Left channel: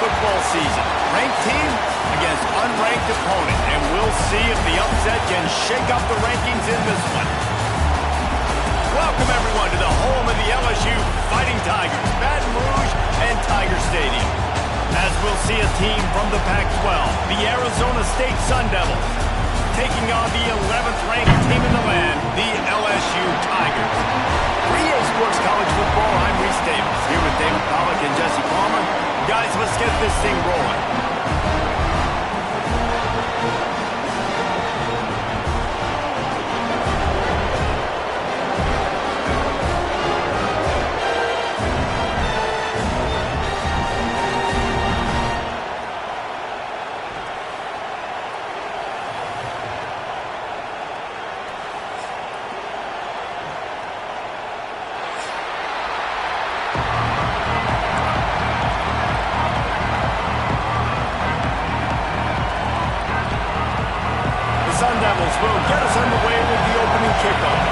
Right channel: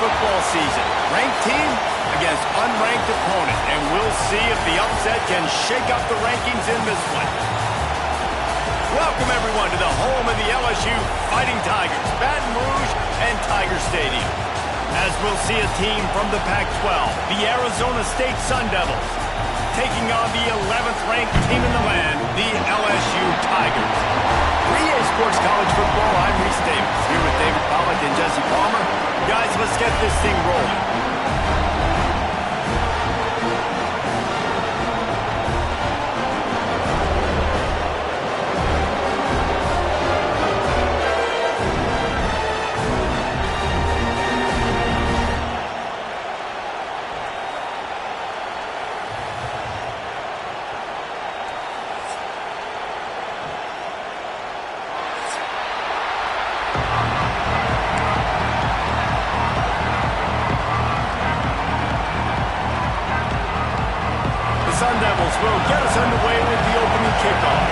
football season. Ranked team against unranked opponent. And we'll see if the upset can shake up the rankings in this one. Welcome, everyone, to the home of the LSU Fighting Tigers, Baton Rouge and Tiger Stadium. As we'll see a team from the Pac-12, the Arizona State Sun Devils, taking on the 11th ranked team in the land, the LSU Tigers. For EA Sports College Football, I'm Reese Davis, here with David Pollack and Jesse Palmer. Guys, let's get this thing rolling. Sun Devils will get us underway with the opening kickoff.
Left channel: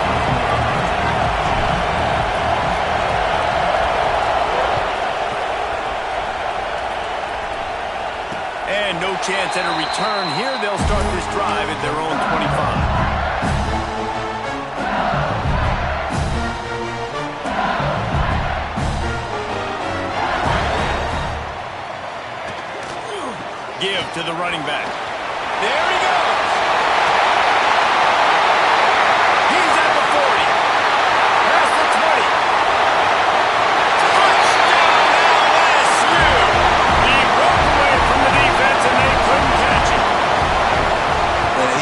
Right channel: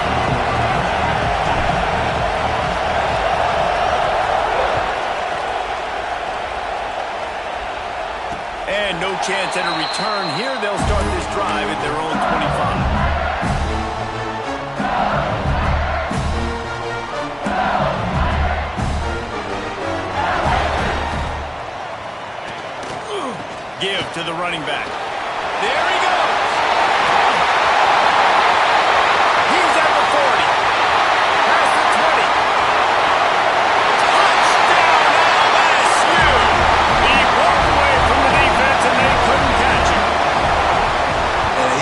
And no chance at a return here. They'll start this drive at their own 25. Give to the running back. There he goes.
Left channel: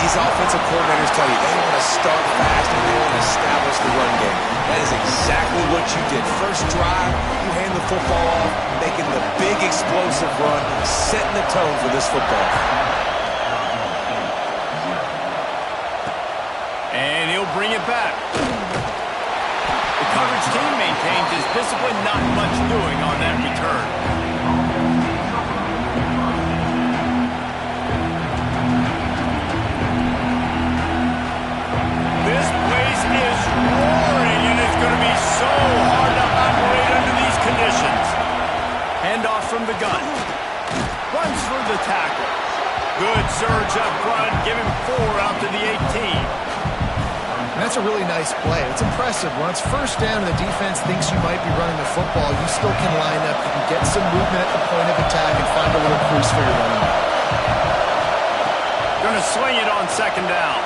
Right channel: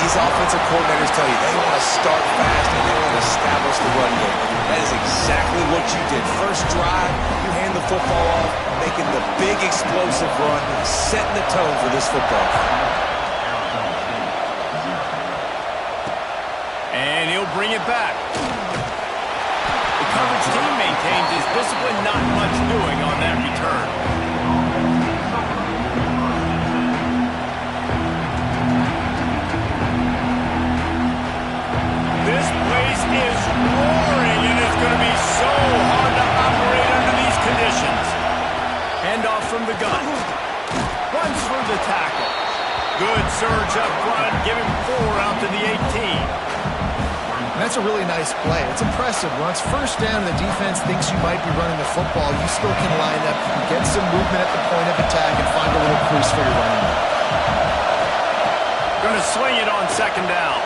These offensive coordinators tell you they want to start fast and they want to establish the run game. That is exactly what you did. First drive, you hand the football off, making the big explosive run, setting the tone for this football. And he'll bring it back. The coverage team maintains his discipline, not much doing on that return. This place is roaring, and it's going to be so hard to operate under these conditions. Handoff from the gun. Runs through the tackle. Good surge up front. Give him 4 out to the 18. And that's a really nice play. It's impressive. Once first down and the defense thinks you might be running the football, you still can line up. You can get some movement at the point of attack and find a little crease for your running back. Going to swing it on second down.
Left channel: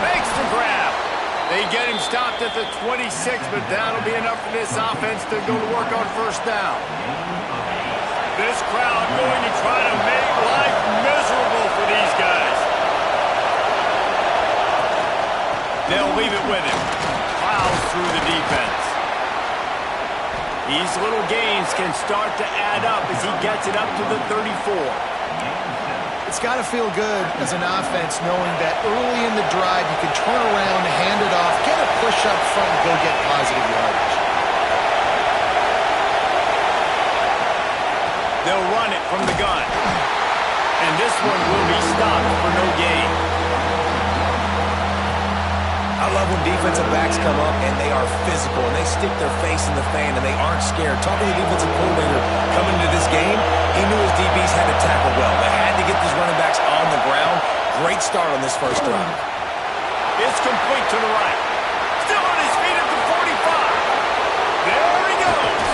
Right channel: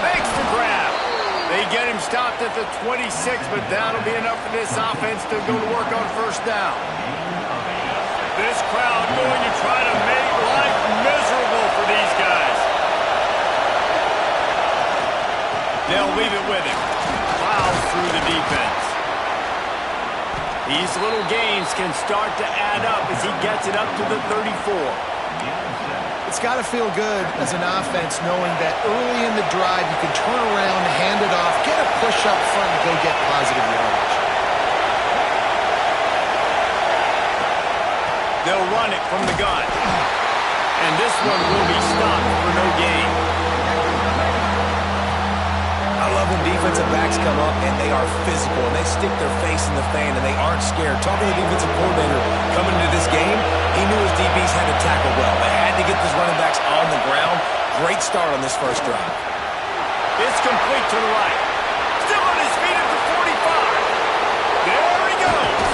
Makes the grab. They get him stopped at the 26, but that'll be enough for this offense to go to work on first down. This crowd going to try to make life miserable for these guys. They'll leave it with him. Plows through the defense. These little gains can start to add up as he gets it up to the 34. It's got to feel good as an offense knowing that early in the drive you can turn around, hand it off, get a push up front, and go get positive yardage. They'll run it from the gun. And this one will be stopped for no gain. I love when defensive backs come up and they are physical and they stick their face in the fan and they aren't scared. Talking to the defensive coordinator coming into this game, he knew his DBs had to tackle well. They had to get these running backs on the ground. Great start on this first drive. It's complete to the right. Still on his feet at the 45. There he goes.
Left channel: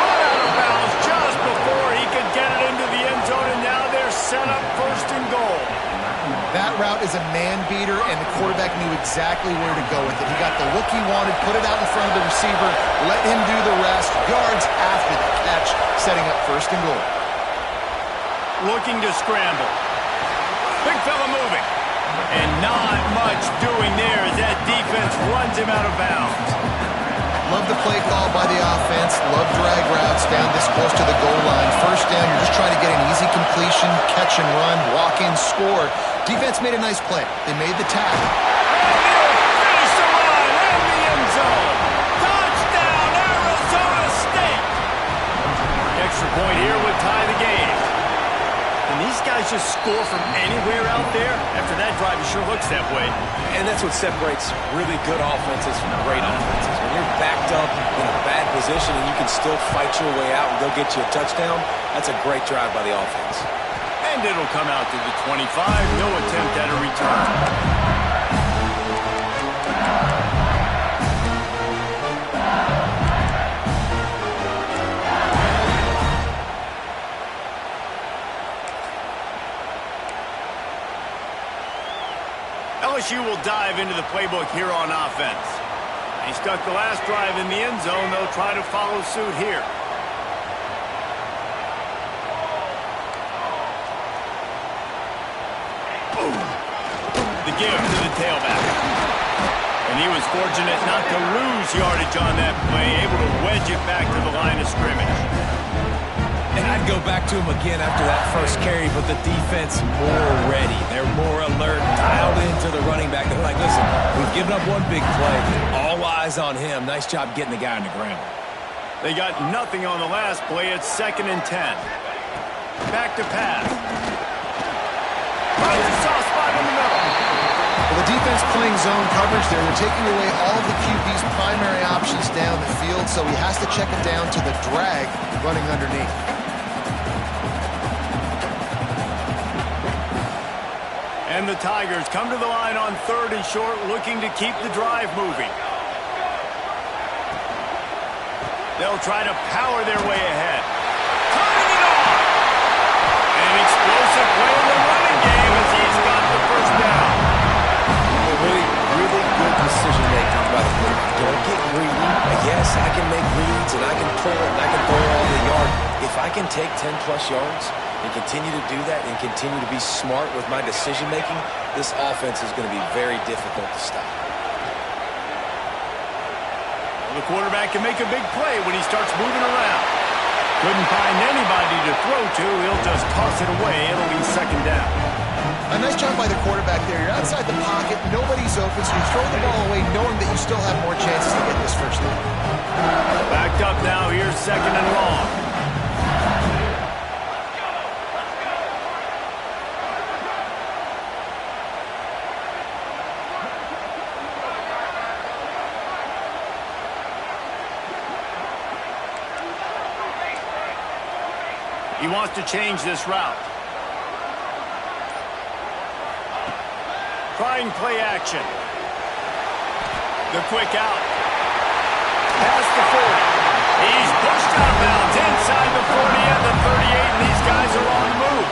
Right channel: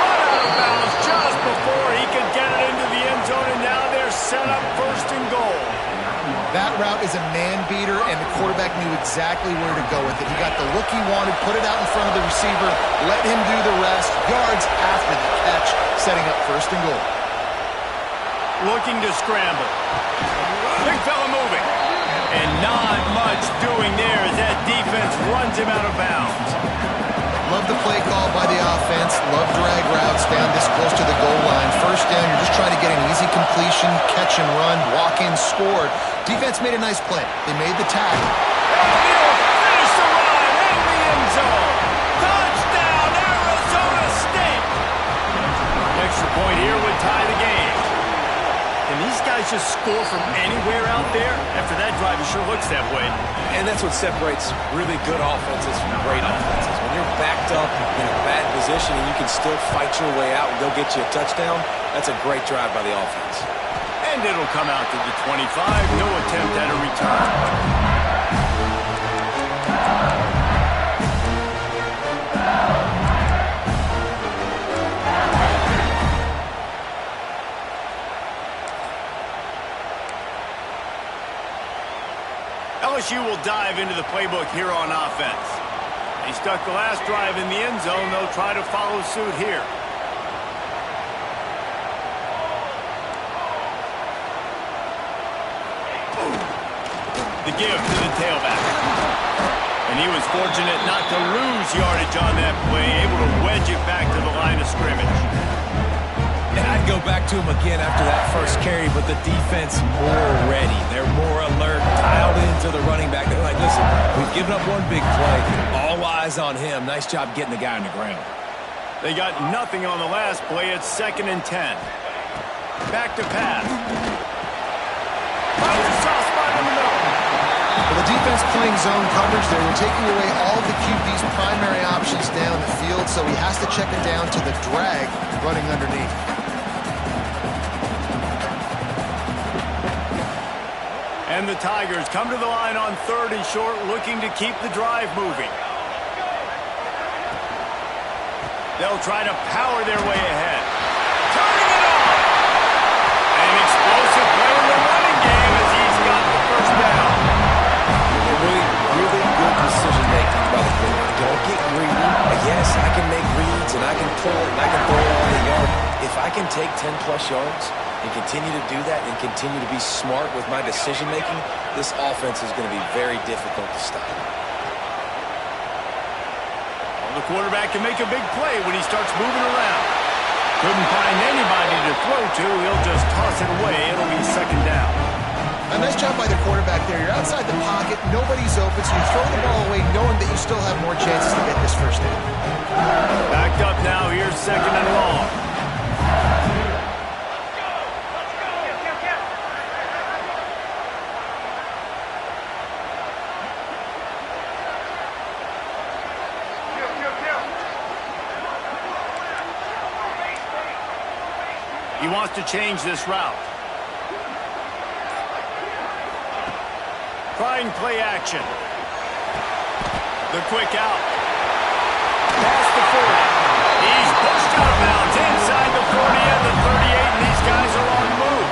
Run out of bounds just before he could get it into the end zone, and now they're set up first and goal. That route is a man beater, and the quarterback knew exactly where to go with it. He got the look he wanted, put it out in front of the receiver, let him do the rest, yards after the catch, setting up first and goal. Looking to scramble. Big fella moving. And not much doing there as that defense runs him out of bounds. Love the play call by the offense. Love drag routes down this close to the goal line. First down, you're just trying to get an easy completion, catch and run, walk in, score. Defense made a nice play. They made the tackle. And he'll finish the run in the end zone. Touchdown, Arizona State. The extra point here would tie the game. And these guys guys just score from anywhere out there? After that drive, it sure looks that way. And that's what separates really good offenses from great offenses. When you're backed up in a bad position and you can still fight your way out and go get you a touchdown, that's a great drive by the offense. And it'll come out to the 25. No attempt at a return. LSU will dive into the playbook here on offense. He stuck the last drive in the end zone. They'll try to follow suit here. The give to the tailback. And he was fortunate not to lose yardage on that play, able to wedge it back to the line of scrimmage. And I'd go back to him again after that first carry, but the defense more ready. They're more alert, dialed into the running back. They're like, listen, we've given up one big play. All eyes on him. Nice job getting the guy on the ground. They got nothing on the last play. It's 2nd and 10. Back to pass. Finds a soft spot in the middle. Well, the defense playing zone coverage there. They're taking away all of the QB's primary options down the field, so he has to check it down to the drag running underneath. And the Tigers come to the line on 3rd and short, looking to keep the drive moving. They'll try to power their way ahead. Turning it on! An explosive play in the running game as he's got the first down. Really good decision-making by the quarterback. Don't get greedy. Yes, I can make reads, and I can pull it, and I can throw it all the yard. If I can take 10-plus yards and continue to do that and continue to be smart with my decision-making, this offense is going to be very difficult to stop. Well, the quarterback can make a big play when he starts moving around. Couldn't find anybody to throw to. He'll just toss it away. It'll be 2nd down. A nice job by the quarterback there. You're outside the pocket. Nobody's open, so you throw the ball away knowing that you still have more chances to get this first down. Backed up now. Here's 2nd and long. He wants to change this route. Trying play action. The quick out. Past the 40. He's pushed out of bounds inside the 40 and the 38, and these guys are on the move.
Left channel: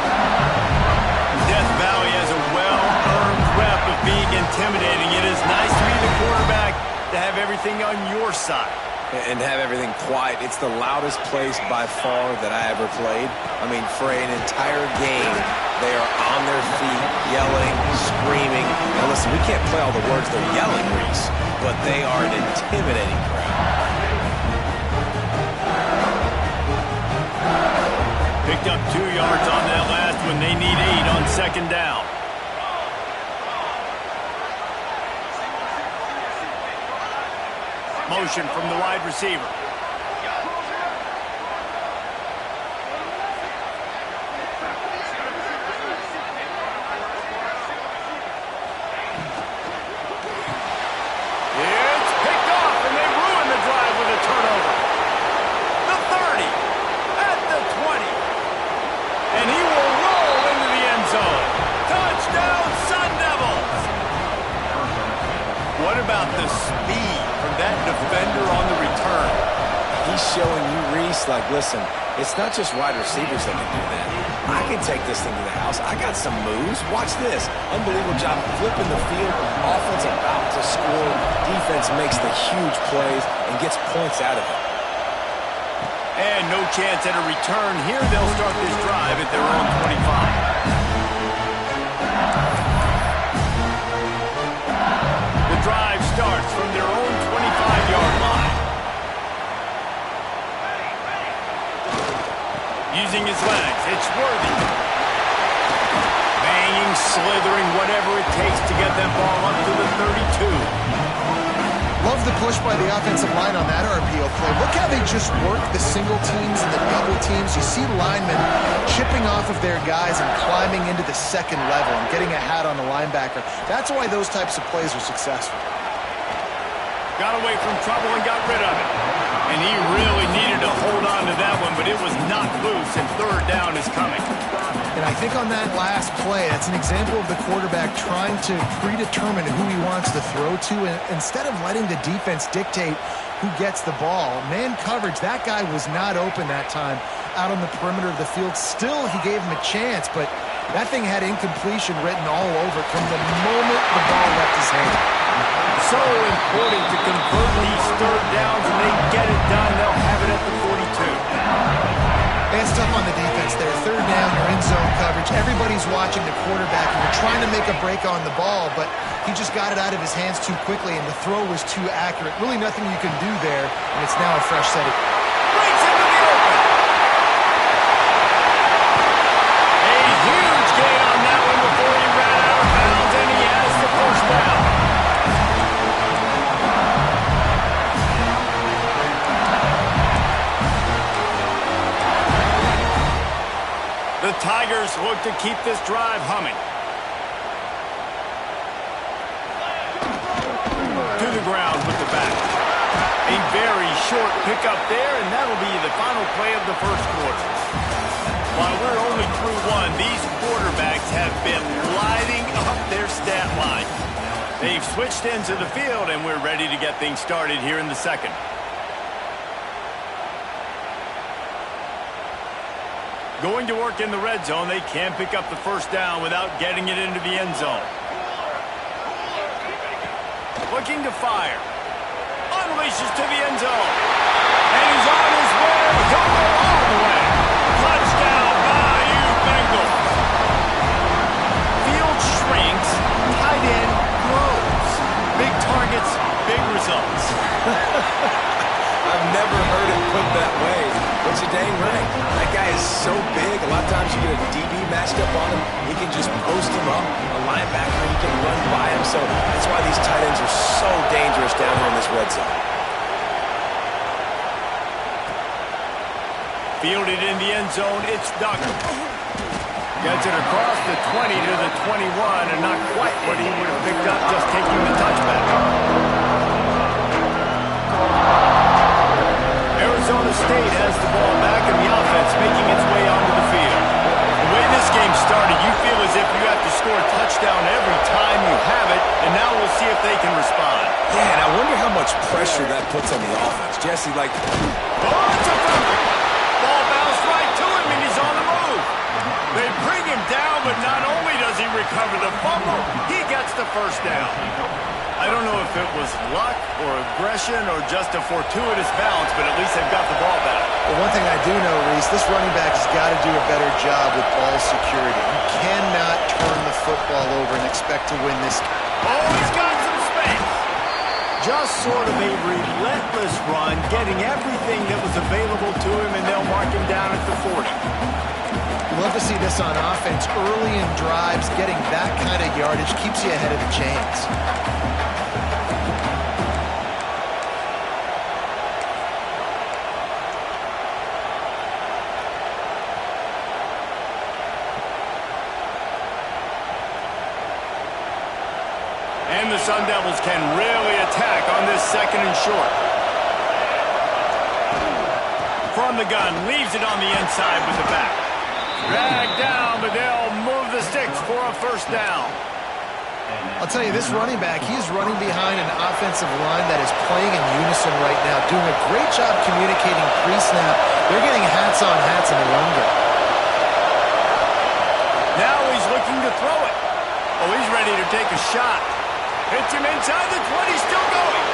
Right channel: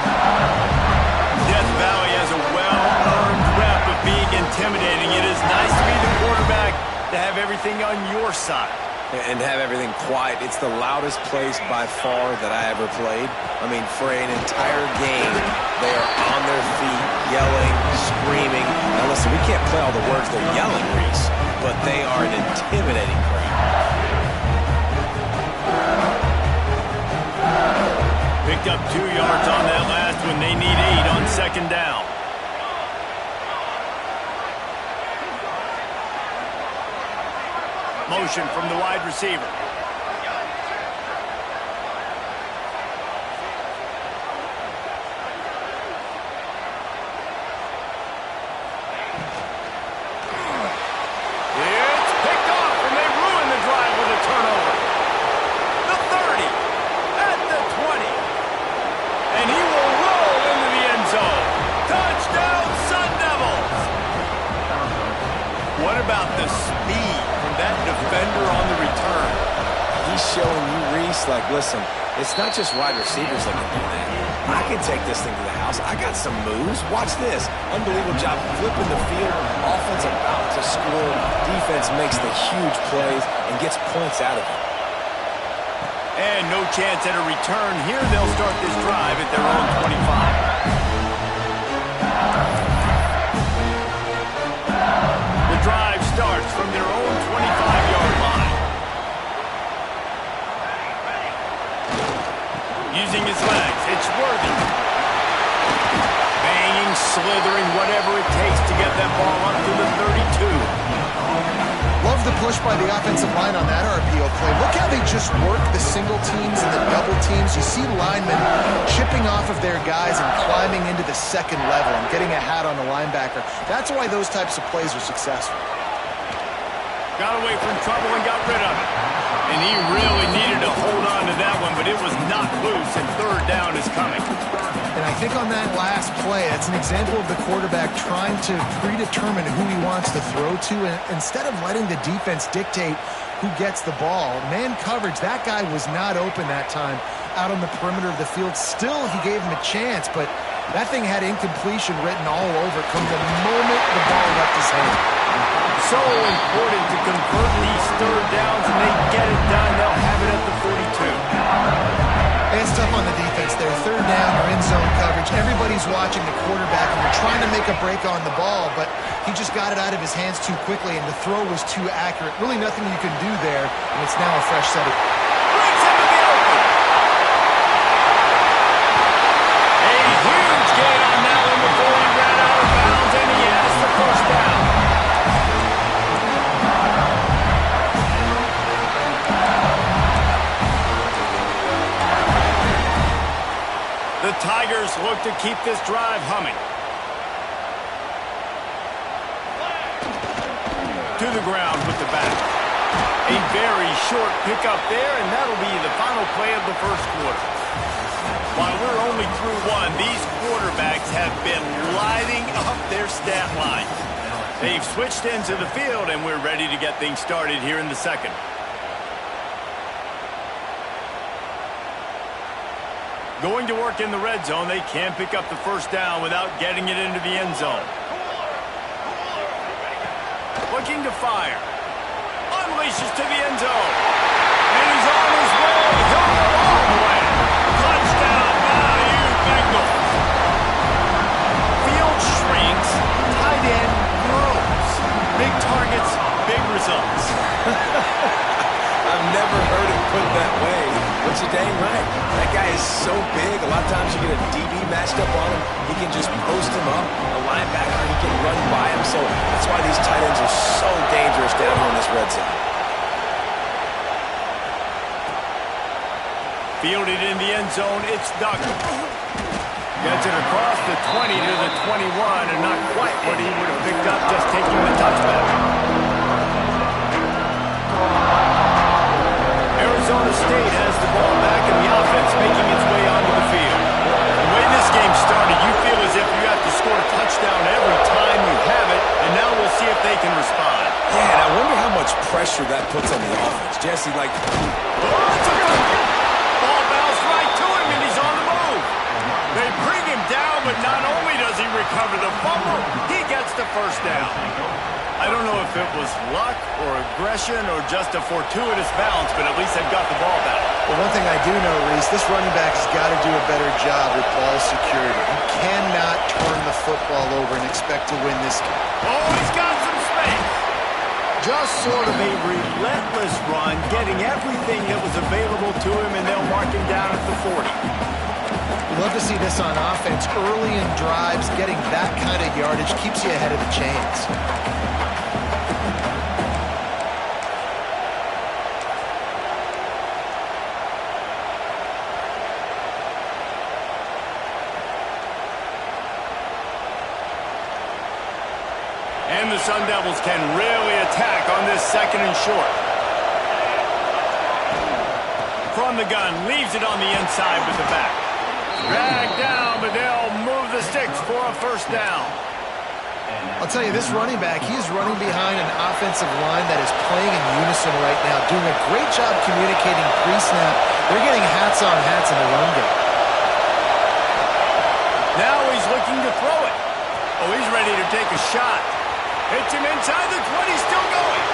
Death Valley has a well-earned rep of being intimidating. It is nice to be the quarterback to have everything on your side. And have everything quiet. It's the loudest place by far that I ever played. I mean, for an entire game, they are on their feet, yelling, screaming. Now, listen, we can't play all the words they're yelling, Reese, but they are an intimidating crowd. Picked up 2 yards on that last one. They need 8 on 2nd down. Motion from the wide receiver. It's picked off, and they ruin the drive with a turnover. The 30, at the 20. And he will roll into the end zone. Touchdown, Sun Devils! What about the speed from that defender on the return? He's showing you, Reese, like, listen, it's not just wide receivers that can do that. I can take this thing to the house. I got some moves. Watch this. Unbelievable job flipping the field. Offense about to score. Defense makes the huge plays and gets points out of it. And no chance at a return here. They'll start this drive at their own 25. The drive starts from their own 25-yard line. Using his legs, it's Worthy. Banging, slithering, whatever it takes to get that ball up to the 32. Love the push by the offensive line on that RPO play. Look how they just work the single teams and the double teams. You see linemen chipping off of their guys and climbing into the second level and getting a hat on the linebacker. That's why those types of plays are successful. Got away from trouble and got rid of it. And he really needed to hold on to that one, but it was not loose, and third down is coming. And I think on that last play, that's an example of the quarterback trying to predetermine who he wants to throw to, and instead of letting the defense dictate who gets the ball. Man coverage, that guy was not open that time out on the perimeter of the field. Still, he gave him a chance, but that thing had incompletion written all over it from the moment the ball left his hand. So important to convert these third downs, and they get it done. They'll have it at the 42. It's tough on the defense there. Third down, you're in zone coverage. Everybody's watching the quarterback, and you're trying to make a break on the ball, but he just got it out of his hands too quickly, and the throw was too accurate. Really nothing you can do there, and it's now a fresh set. Breaks into the open. A huge gain on that one before he ran out of bounds, and he has the first down. The Tigers look to keep this drive humming. To the ground with the back. A very short pickup there, and that'll be the final play of the first quarter. While we're only through one, these quarterbacks have been lighting up their stat line. They've switched into the field, and we're ready to get things started here in the second. Going to work in the red zone, they can't pick up the first down without getting it into the end zone. Looking to fire. Unleashes to the end zone. And he's on his way. He'll go all the way. Touchdown, Bayou Bengals. Field shrinks. Tight end grows. Big targets, big results. I've never heard it put that way, but you're dang right. That guy is so big, a lot of times you get a DB matched up on him. He can just post him up. A linebacker, he can run by him. So that's why these tight ends are so dangerous down here in this red zone. Fielded in the end zone, it's Duggar. Gets it across the 20 to the 21, and not quite what he would have picked up just taking the touchback. Arizona State has the ball back in the offense, making its way onto the field. The way this game started, you feel as if you have to score a touchdown every time you have it, and now we'll see if they can respond. Yeah, and I wonder how much pressure that puts on the offense. Jesse, oh, it's a fumble. Ball bounced right to him, and he's on the move. They bring him down, but not only does he recover the fumble, he gets the first down. I don't know if it was luck or aggression or just a fortuitous bounce, but at least they've got the ball back. Well, one thing I do know, Reese, this running back has got to do a better job with ball security. You cannot turn the football over and expect to win this game. Oh, he's got some space. Just sort of a relentless run, getting everything that was available to him, and they'll mark him down at the 40. You love to see this on offense. Early in drives, getting that kind of yardage keeps you ahead of the chains. And the Sun Devils can really attack on this second and short. From the gun, leaves it on the inside with the back. Dragged down, but they'll move the sticks for a first down. I'll tell you, this running back, he is running behind an offensive line that is playing in unison right now, doing a great job communicating pre-snap. They're getting hats on hats in the run game. Now he's looking to throw it. Oh, he's ready to take a shot. Hits him inside the 20, still going.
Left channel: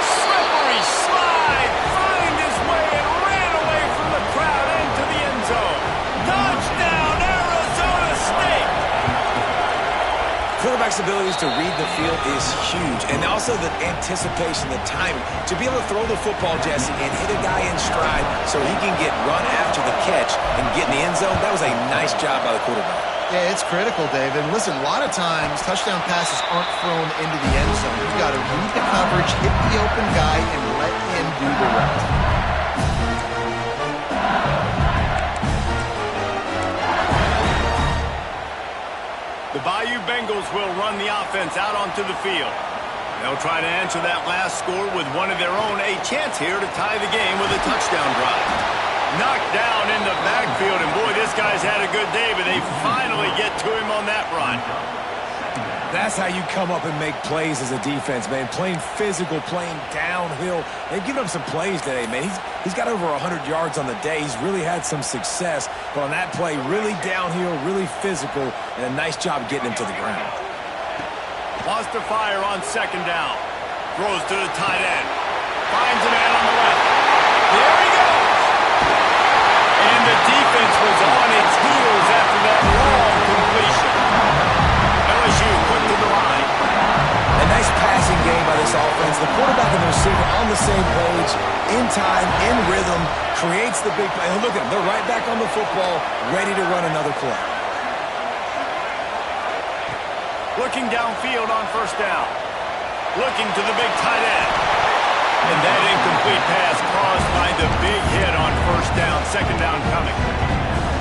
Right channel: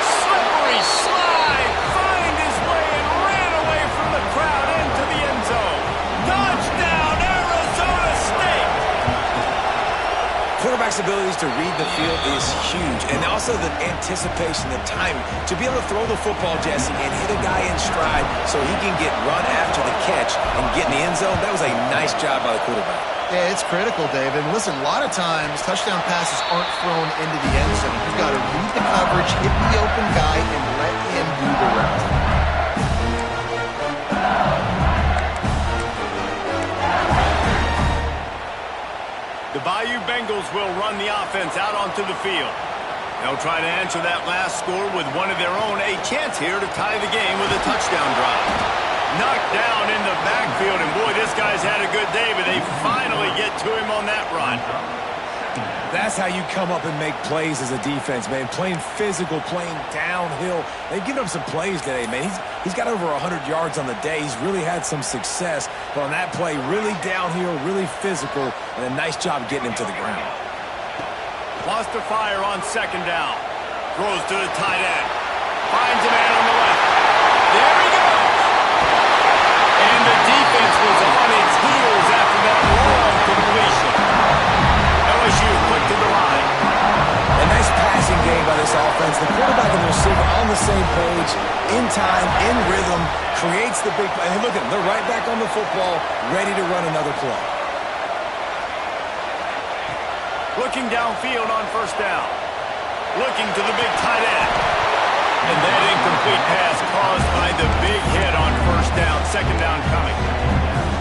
Slippery slide, find his way and ran away from the crowd into the end zone. Touchdown, Arizona State! Quarterback's abilities to read the field is huge, and also the anticipation, the timing. To be able to throw the football, Jesse, and hit a guy in stride so he can get run after the catch and get in the end zone, that was a nice job by the quarterback. Yeah, it's critical, Dave. And listen, a lot of times touchdown passes aren't thrown into the end zone. You've got to read the coverage, hit the open guy, and let him do the rest. The Bayou Bengals will run the offense out onto the field. They'll try to answer that last score with one of their own. A chance here to tie the game with a touchdown drive. Knocked down in the backfield, and boy, this guy's had a good day, but they finally get to him on that run. That's how you come up and make plays as a defense, man. Playing physical, playing downhill. They've given him some plays today, man. He's got over 100 yards on the day. He's really had some success. But on that play, really downhill, really physical, and a nice job getting him to the ground. Lost to fire on second down. Throws to the tight end. Finds a man on the left. There he goes. And the defense was on its heels after that long completion. LSU quick to the line. A nice passing game by this offense. The quarterback and the receiver on the same page, in time, in rhythm, creates the big play. And look at them. They're right back on the football, ready to run another play. Looking downfield on first down. Looking to the big tight end. And that incomplete pass caused by the big hit on first down. Second down coming.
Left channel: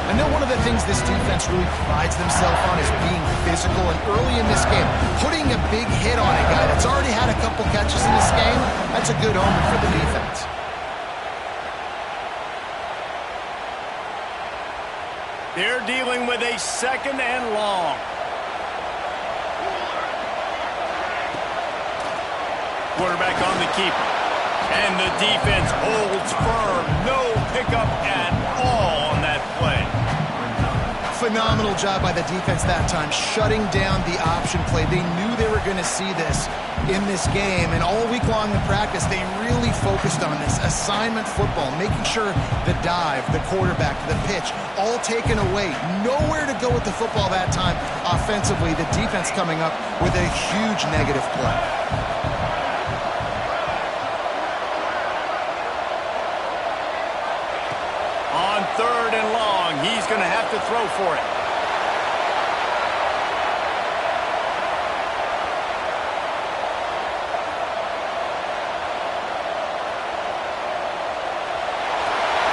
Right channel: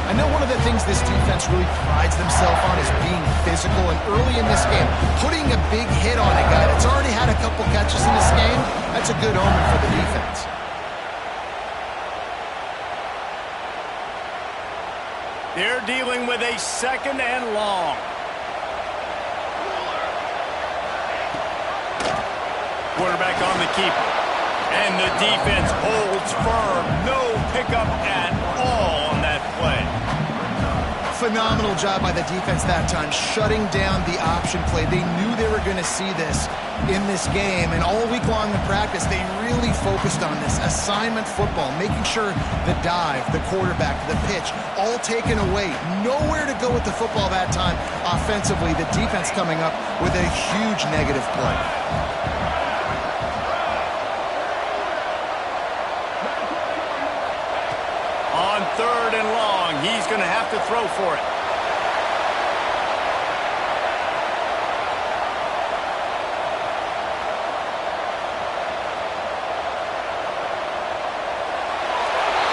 I know one of the things this defense really prides themselves on is being physical, and early in this game, putting a big hit on a guy that's already had a couple catches in this game, that's a good omen for the defense. They're dealing with a second and long. Quarterback on the keeper. And the defense holds firm. No pickup at all on that play. Phenomenal job by the defense that time, shutting down the option play. They knew they were going to see this in this game, and all week long in practice, they really focused on this assignment football, making sure the dive, the quarterback, the pitch, all taken away. Nowhere to go with the football that time offensively. The defense coming up with a huge negative play. On third and long, he's going to have to throw for it.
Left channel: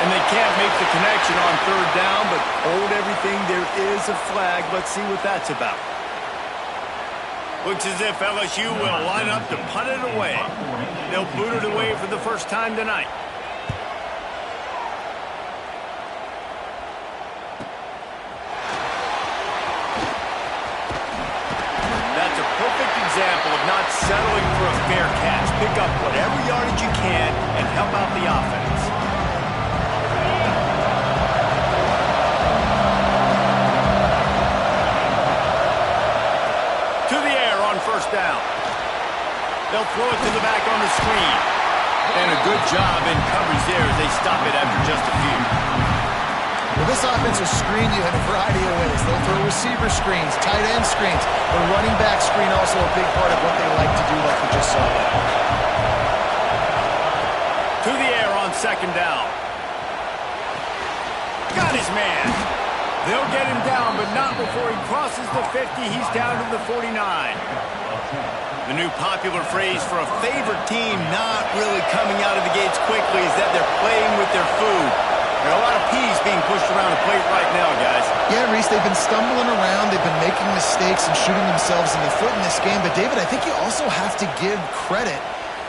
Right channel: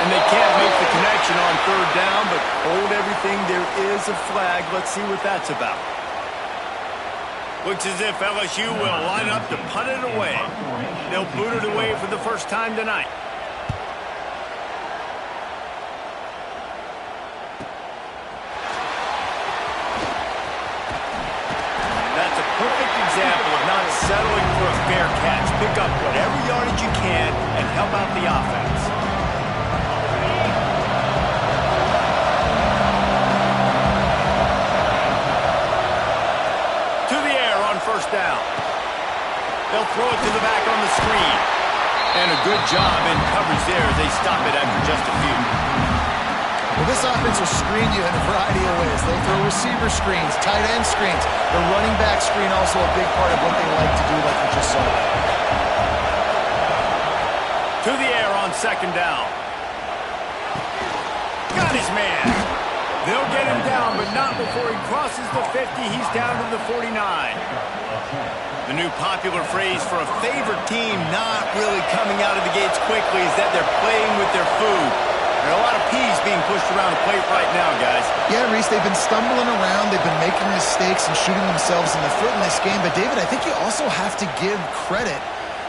And they can't make the connection on third down, but hold everything. There is a flag. Let's see what that's about. Looks as if LSU will line up to punt it away. They'll boot it away for the first time tonight. That's a perfect example of not settling for a fair catch. Pick up whatever yardage you can and help out the offense. To the air on first down. They'll throw it to the back on the screen. And a good job in coverage there as they stop it after just a few. Well, this offense will screen you in a variety of ways. They'll throw receiver screens, tight end screens. The running back screen also a big part of what they like to do, like we just saw there. To the air on second down. Got his man. They'll get him down, but not before he crosses the 50. He's down to the 49. The new popular phrase for a favorite team not really coming out of the gates quickly is that they're playing with their food. There are a lot of peas being pushed around the plate right now, guys. Yeah, Reese, they've been stumbling around. They've been making mistakes and shooting themselves in the foot in this game. But, David, I think you also have to give credit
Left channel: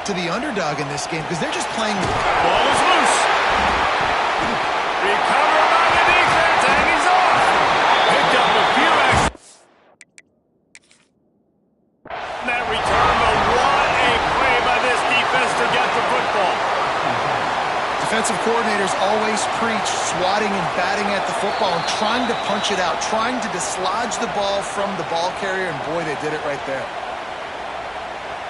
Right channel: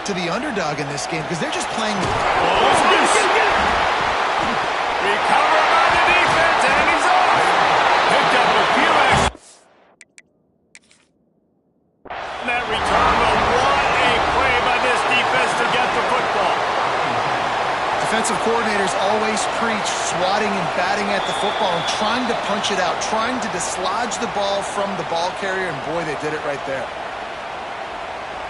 to the underdog in this game because they're just playing. Ball is loose. Recovered by the defense, and he's off. Picked up a few extra. That return, but what a play by this defense to get the football. Defensive coordinators always preach swatting and batting at the football and trying to punch it out, trying to dislodge the ball from the ball carrier, and boy, they did it right there.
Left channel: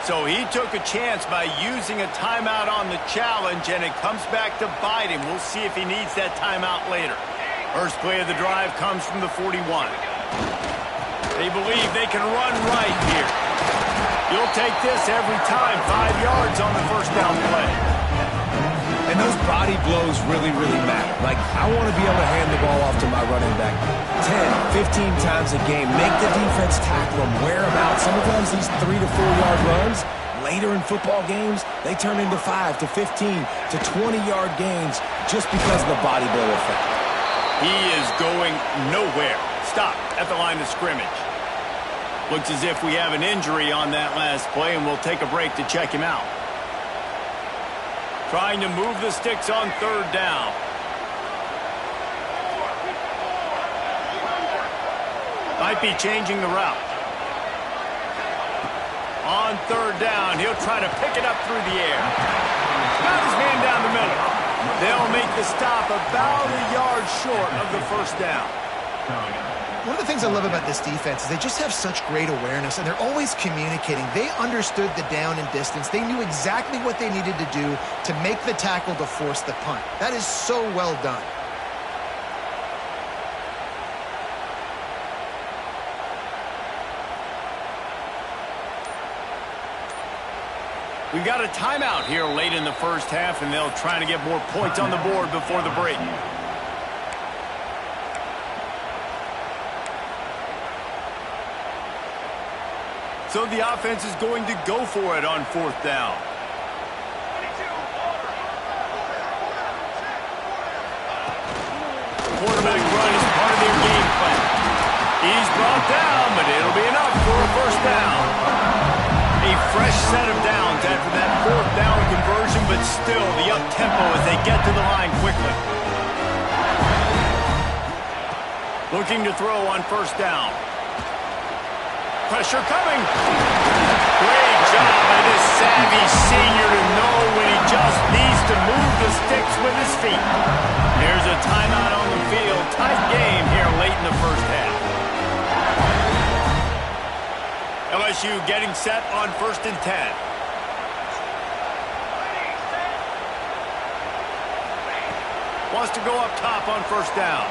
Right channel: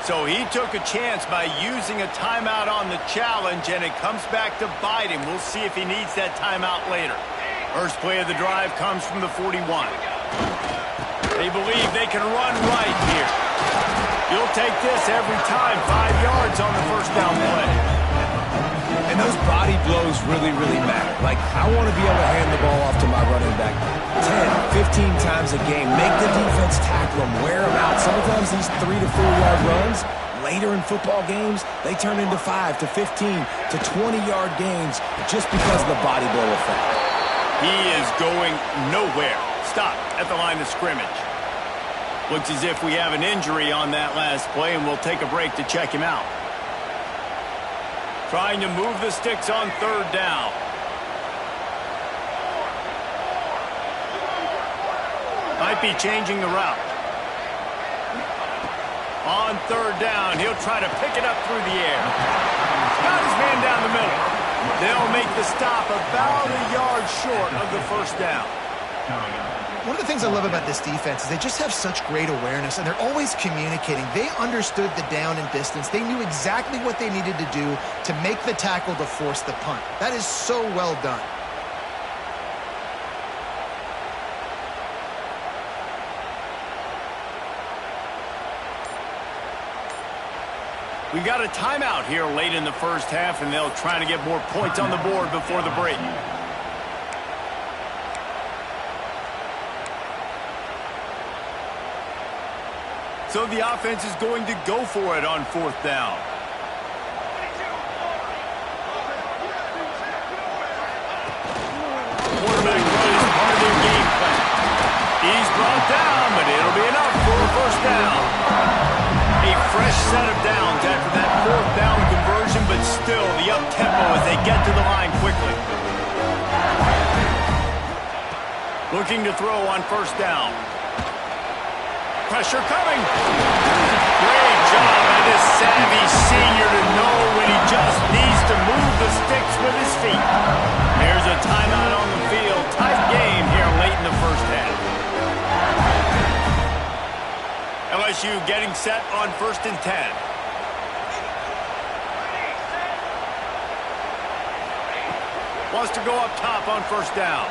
So he took a chance by using a timeout on the challenge, and it comes back to bite him. We'll see if he needs that timeout later. First play of the drive comes from the 41. They believe they can run right here. You'll take this every time. 5 yards on the first down play. And those body blows really, really matter. Like, I want to be able to hand the ball off to my running back 10, 15 times a game. Make the defense tackle them, wear them out. Sometimes these 3 to 4 yard runs, later in football games, they turn into 5 to 15 to 20-yard gains just because of the body blow effect. He is going nowhere. Stop at the line of scrimmage. Looks as if we have an injury on that last play, and we'll take a break to check him out. Trying to move the sticks on third down. Might be changing the route. On third down, he'll try to pick it up through the air. Got his man down the middle. They'll make the stop about a yard short of the first down. One of the things I love about this defense is they just have such great awareness, and they're always communicating. They understood the down and distance. They knew exactly what they needed to do to make the tackle to force the punt. That is so well done. We've got a timeout here late in the first half, and they'll try to get more points on the board before the break. So the offense is going to go for it on fourth down. Quarterback run is part of their game plan. He's brought down, but it'll be enough for a first down. A fresh set of downs after that fourth down conversion, but still the up-tempo as they get to the line quickly. Looking to throw on first down. Pressure coming. Great job by this savvy senior to know when he just needs to move the sticks with his feet. There's a timeout on the field. Tight game here late in the first half. LSU getting set on 1st and 10. Wants to go up top on first down.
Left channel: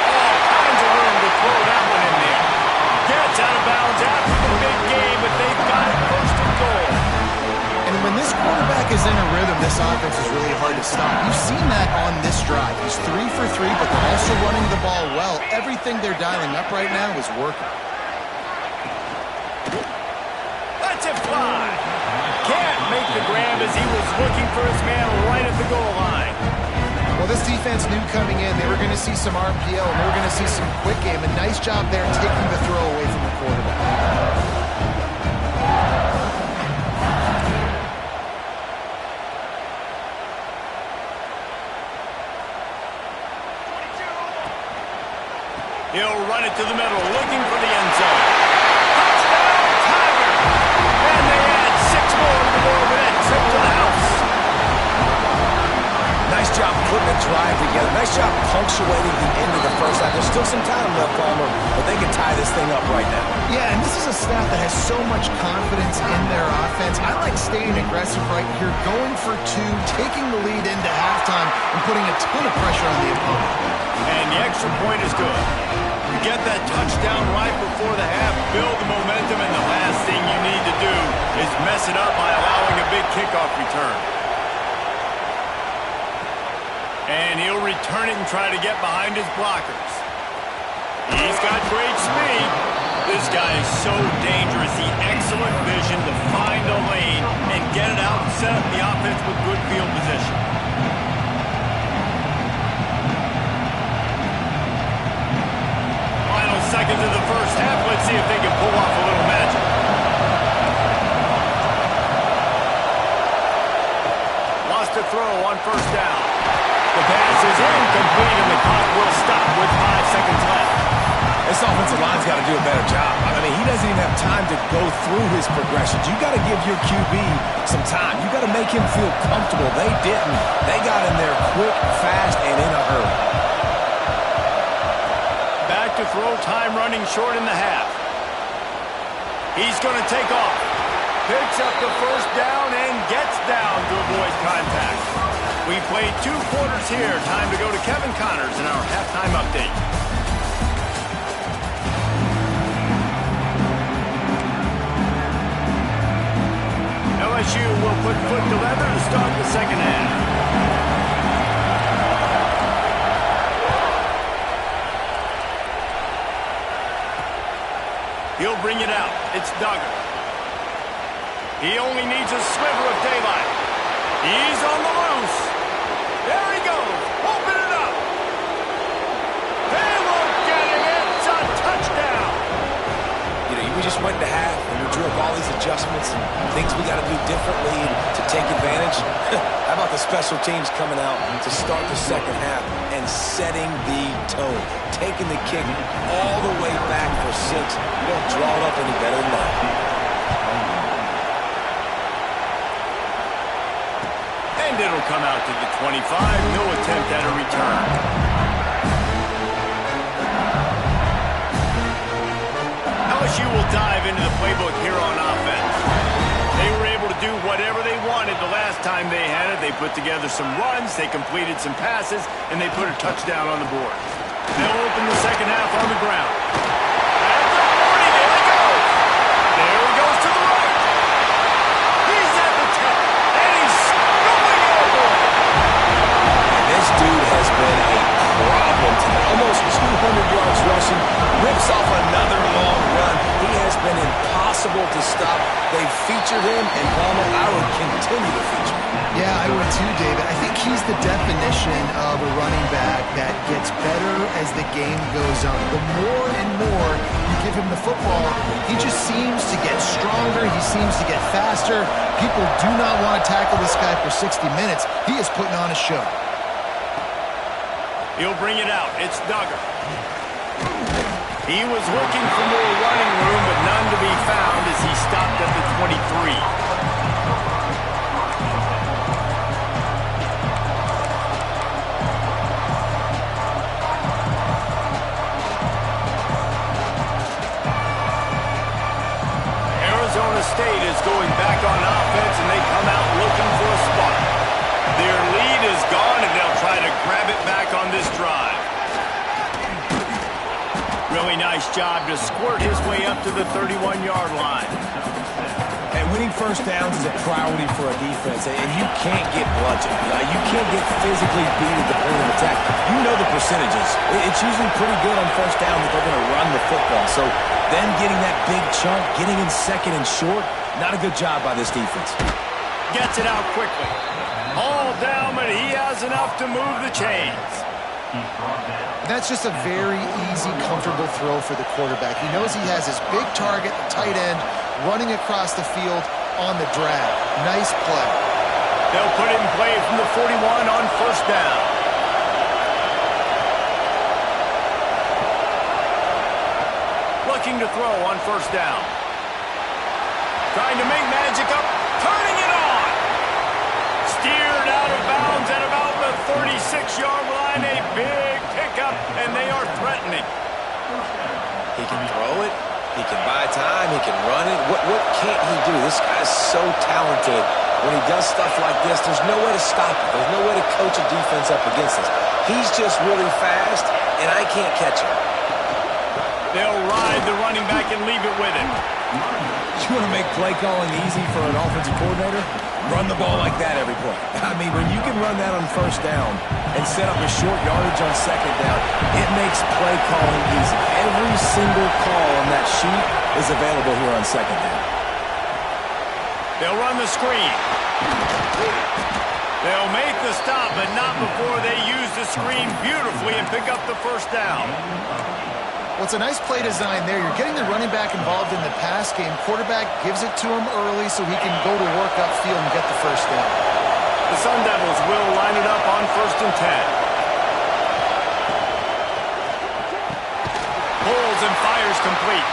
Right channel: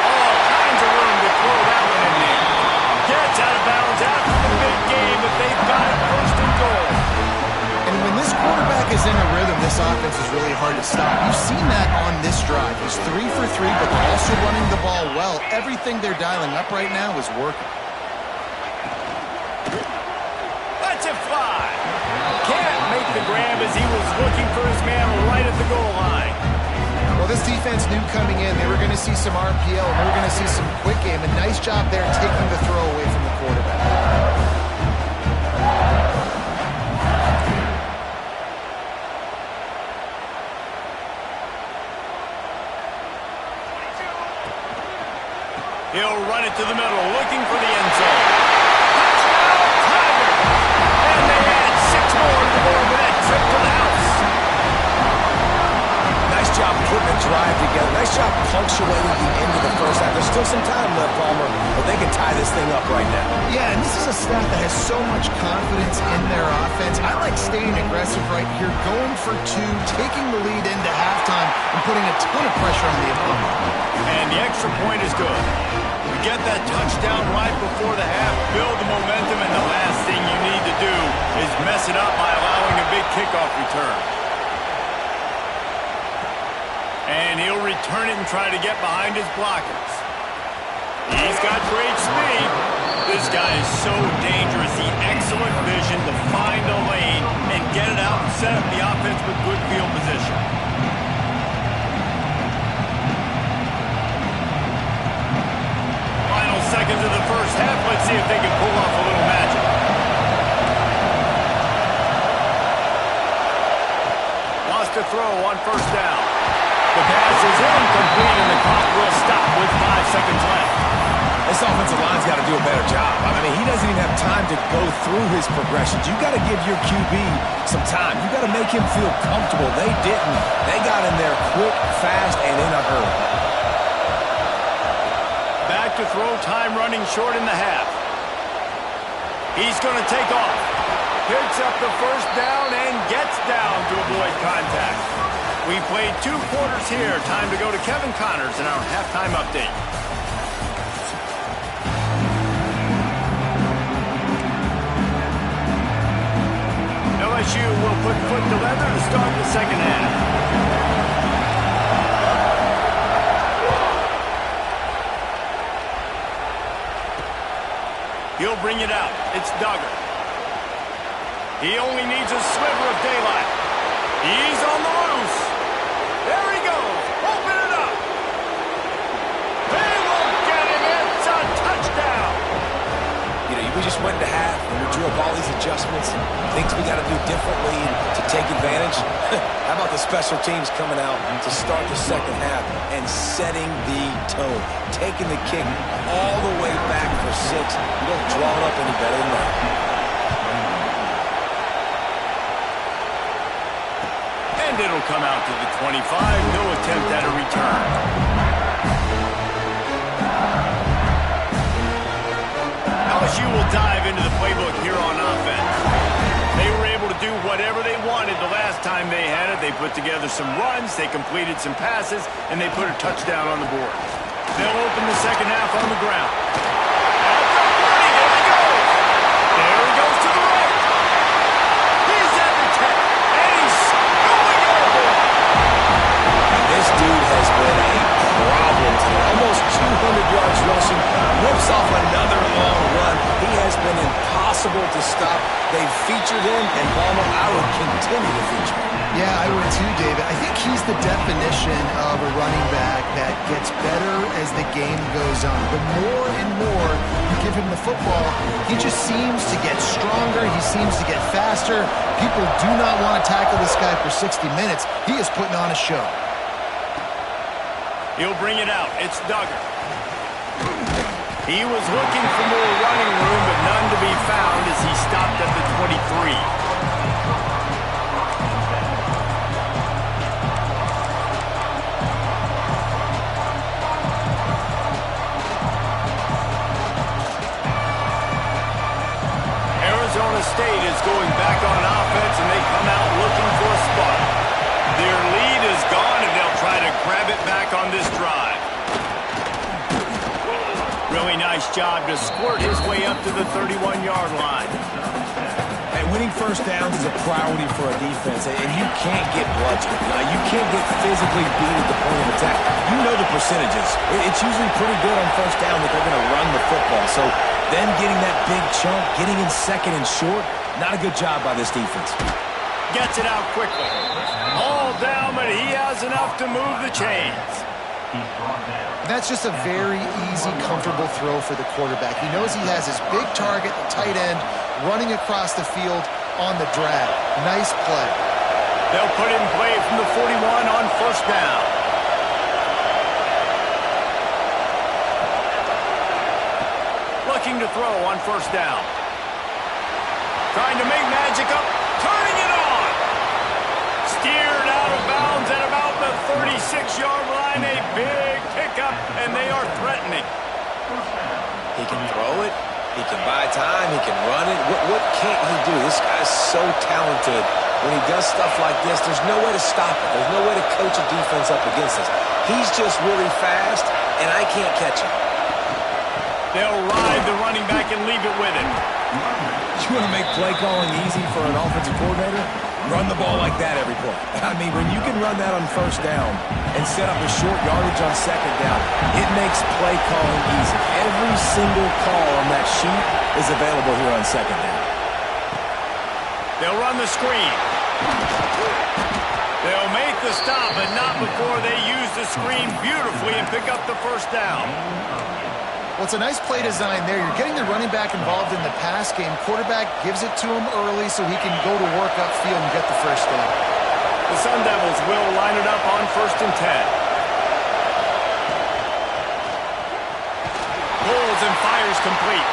All kinds of room to throw that one in there. Gets out of bounds after the big game, but they've got it 1st and goal. And when this quarterback is in a rhythm, this offense is really hard to stop. You've seen that on this drive. He's 3 for 3, but they're also running the ball well. Everything they're dialing up right now is working. Lets it fly. Can't make the grab as he was looking for his man right at the goal line. Well, this defense knew coming in they were going to see some RPO, and they were going to see some quick game. A nice job there taking the throw away from the quarterback. He'll run it to the middle, looking for the end zone. Touchdown, Tiger! And they add 6 more to the board with that trip to the house. Nice job putting a drive together. Nice job punctuating the end of the first half. There's still some time left, Palmer, but they can tie this thing up right now. Yeah, and this is a staff that has so much confidence in their offense. I like staying aggressive right here, going for 2, taking the lead into halftime, and putting a ton of pressure on the opponent. And the extra point is good. You get that touchdown right before the half, build the momentum, and the last thing you need to do is mess it up by allowing a big kickoff return. And he'll return it and try to get behind his blockers. He's got great speed. This guy is so dangerous. The excellent vision to find a lane and get it out and set up the offense with good field position. Final seconds of the first half. Let's see if they can pull off a little magic. Wants to throw on first down. The pass is incomplete, and the clock will stop with 5 seconds left. This offensive line's got to do a better job. I mean, he doesn't even have time to go through his progressions. You got to give your QB some time. You got to make him feel comfortable. They didn't. They got in there quick, fast, and in a hurry. Back to throw, time running short in the half. He's going to take off. Picks up the first down and gets down to avoid contact. We played 2 quarters here. Time to go to Kevin Connors in our halftime update. LSU will put foot to leather to start the second half. He'll bring it out. It's Duggar. He only needs a sliver of daylight. He's on the loose. There he goes. Open it up. They won't get him. It's a touchdown. You know, we just went into half and we drew up all these adjustments and things we got to do differently to take advantage. How about the special teams coming out to start the second half and setting the tone, taking the kick all the way back for 6. You don't draw it up any better than that. And it'll come out to the 25. No attempt at a return. LSU will dive into the playbook here on offense. They were able to do whatever they wanted the last time they had it. They put together some runs, they completed some passes, and they put a touchdown on the board. They'll open the second half on the ground. At the 40, there he goes. There he goes to the right. He's at the 10, and he's going airborne. And this dude has been a problem today. Almost 200 yards rushing, rips off another long run. He has been impossible to stop. They've featured him, and Palmer, I would continue to feature him. Yeah, I would too, David. I think he's the definition of a running back that gets better as the game goes on. The more and more you give him the football, he just seems to get stronger. He seems to get faster. People do not want to tackle this guy for 60 minutes. He is putting on a show. He'll bring it out. It's Duggar. He was looking for more running room, but none to be found as he stopped at the 23. Arizona State is going back on offense, and they come out looking for a spot. Their lead is gone, and they'll try to grab it back on this drive. Really nice job to squirt his way up to the 31-yard line. And winning first downs is a priority for a defense, and you can't get bludgeoned. You can't get physically beat at the point of attack. You know the percentages. It's usually pretty good on first down that they're going to run the football. So them getting that big chunk, getting in second and short, not a good job by this defense. Gets it out quickly. All down, but he has enough to move the chains. That's just a very easy, comfortable throw for the quarterback. He knows he has his big target, the tight end, running across the field on the drag. Nice play. They'll put him in play from the 41 on first down. Looking to throw on first down. Trying to make magic up, turning it on. Steered out of bounds at about the 36-yard line. A big pickup, and they are threatening. He can throw it. He can buy time. He can run it. What can't he do? This guy's so talented. When he does stuff like this, there's no way to stop it. There's no way to coach a defense up against this. He's just really fast, and I can't catch him. They'll ride the running back and leave it with him. You want to make play calling easy for an offensive coordinator? Run the ball like that every play. I mean, when you can run that on first down and set up a short yardage on second down, it makes play calling easy. Every single call on that sheet is available here on second down. They'll run the screen. They'll make the stop, but not before they use the screen beautifully and pick up the first down. Well, it's a nice play design there. You're getting the running back involved in the pass game. Quarterback gives it to him early so he can go to work upfield and get the first down. The Sun Devils will line it up on 1st and 10. Pulls and fires complete.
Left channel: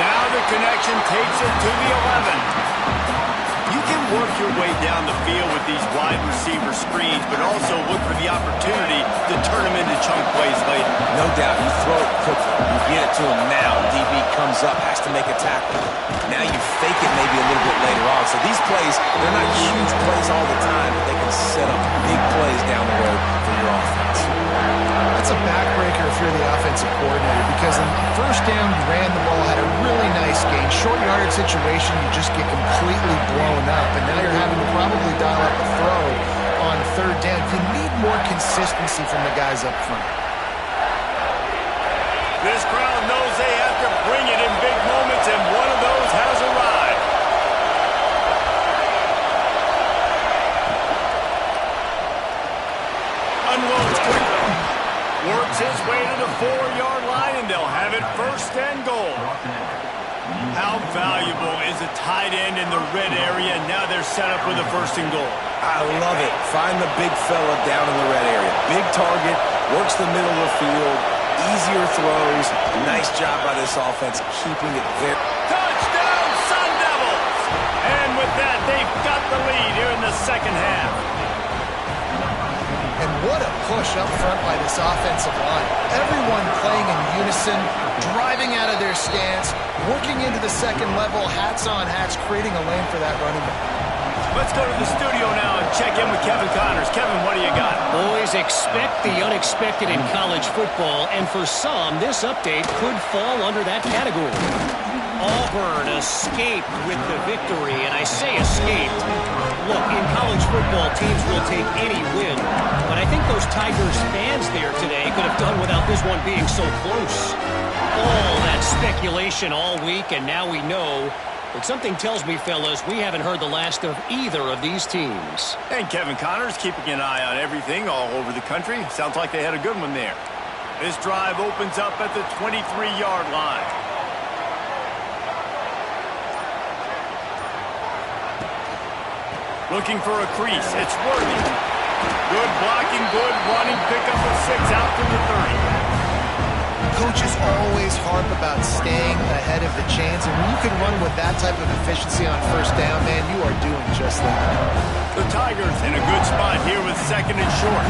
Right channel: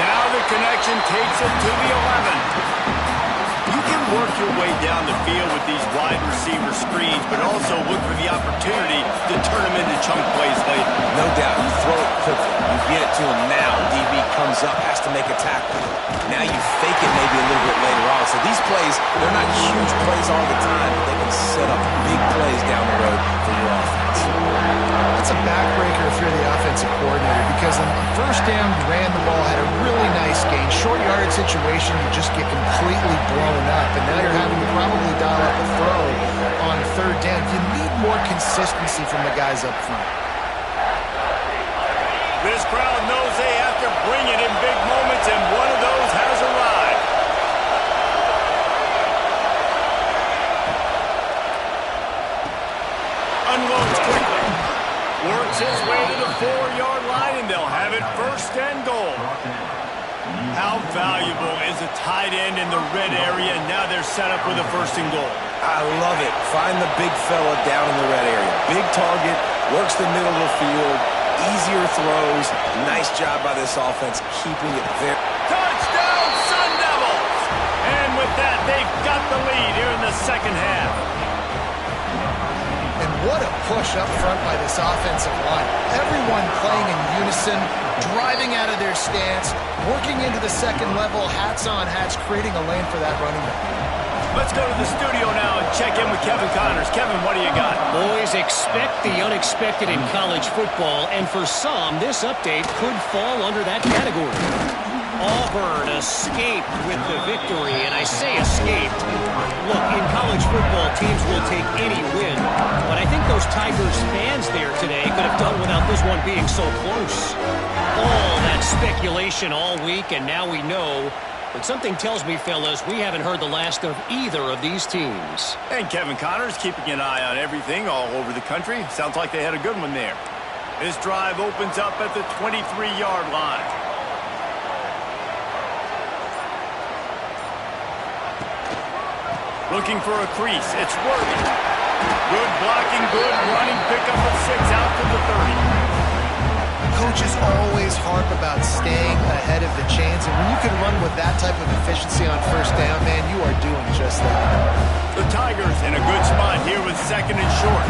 Now the connection takes it to the 11. You can work your way down the field with these wide receiver screens, but also look for the opportunity to turn them into chunk plays later. No doubt. You throw it quickly. You get it to him now. DB comes up, has to make a tackle. Now you fake it maybe a little bit later on. So these plays, they're not huge plays all the time, but they can set up big plays down the road for your offense. That's a backbreaker if you're the offensive coordinator, because on first down, you ran the ball, had a really nice gain. Short yardage situation, you just get completely blown up, and now you're having to probably dial up a throw on third down. You need more consistency from the guys up front. This crowd knows they have to bring it in big moments, and one of those has arrived. Unloads quickly. Works his way to the 4-yard line, and they'll have it first and goal. How valuable is a tight end in the red area? Now they're set up with a first and goal. I love it. Find the big fella down in the red area. Big target, works the middle of the field, easier throws. Nice job by this offense, keeping it there. Touchdown, Sun Devils! And with that, they've got the lead here in the second half. And what a push up front by this offensive line. Everyone playing in unison, driving out of their stance, working into the second level, hats on hats, creating a lane for that running back. Let's go to the studio now and check in with Kevin Connors. Kevin, what do you got? Boys, expect the unexpected in college football, and for some, this update could fall under that category. Auburn escaped with the victory, and I say escaped. Look, in college football, teams will take any win, but I think those Tigers fans there today could have done without this one being so close. All that speculation all week, and now we know. But something tells me, fellas, we haven't heard the last of either of these teams. And Kevin Connors keeping an eye on everything all over the country. Sounds like they had a good one there. This drive opens up at the 23-yard line. Looking for a crease. It's Worthy. Good blocking, good running. Pickup of 6 out to the 30. Coaches always harp about staying ahead of the chains, and when you can run with that type of efficiency on first down, man, you are doing just that. The Tigers in a good spot here with second and short.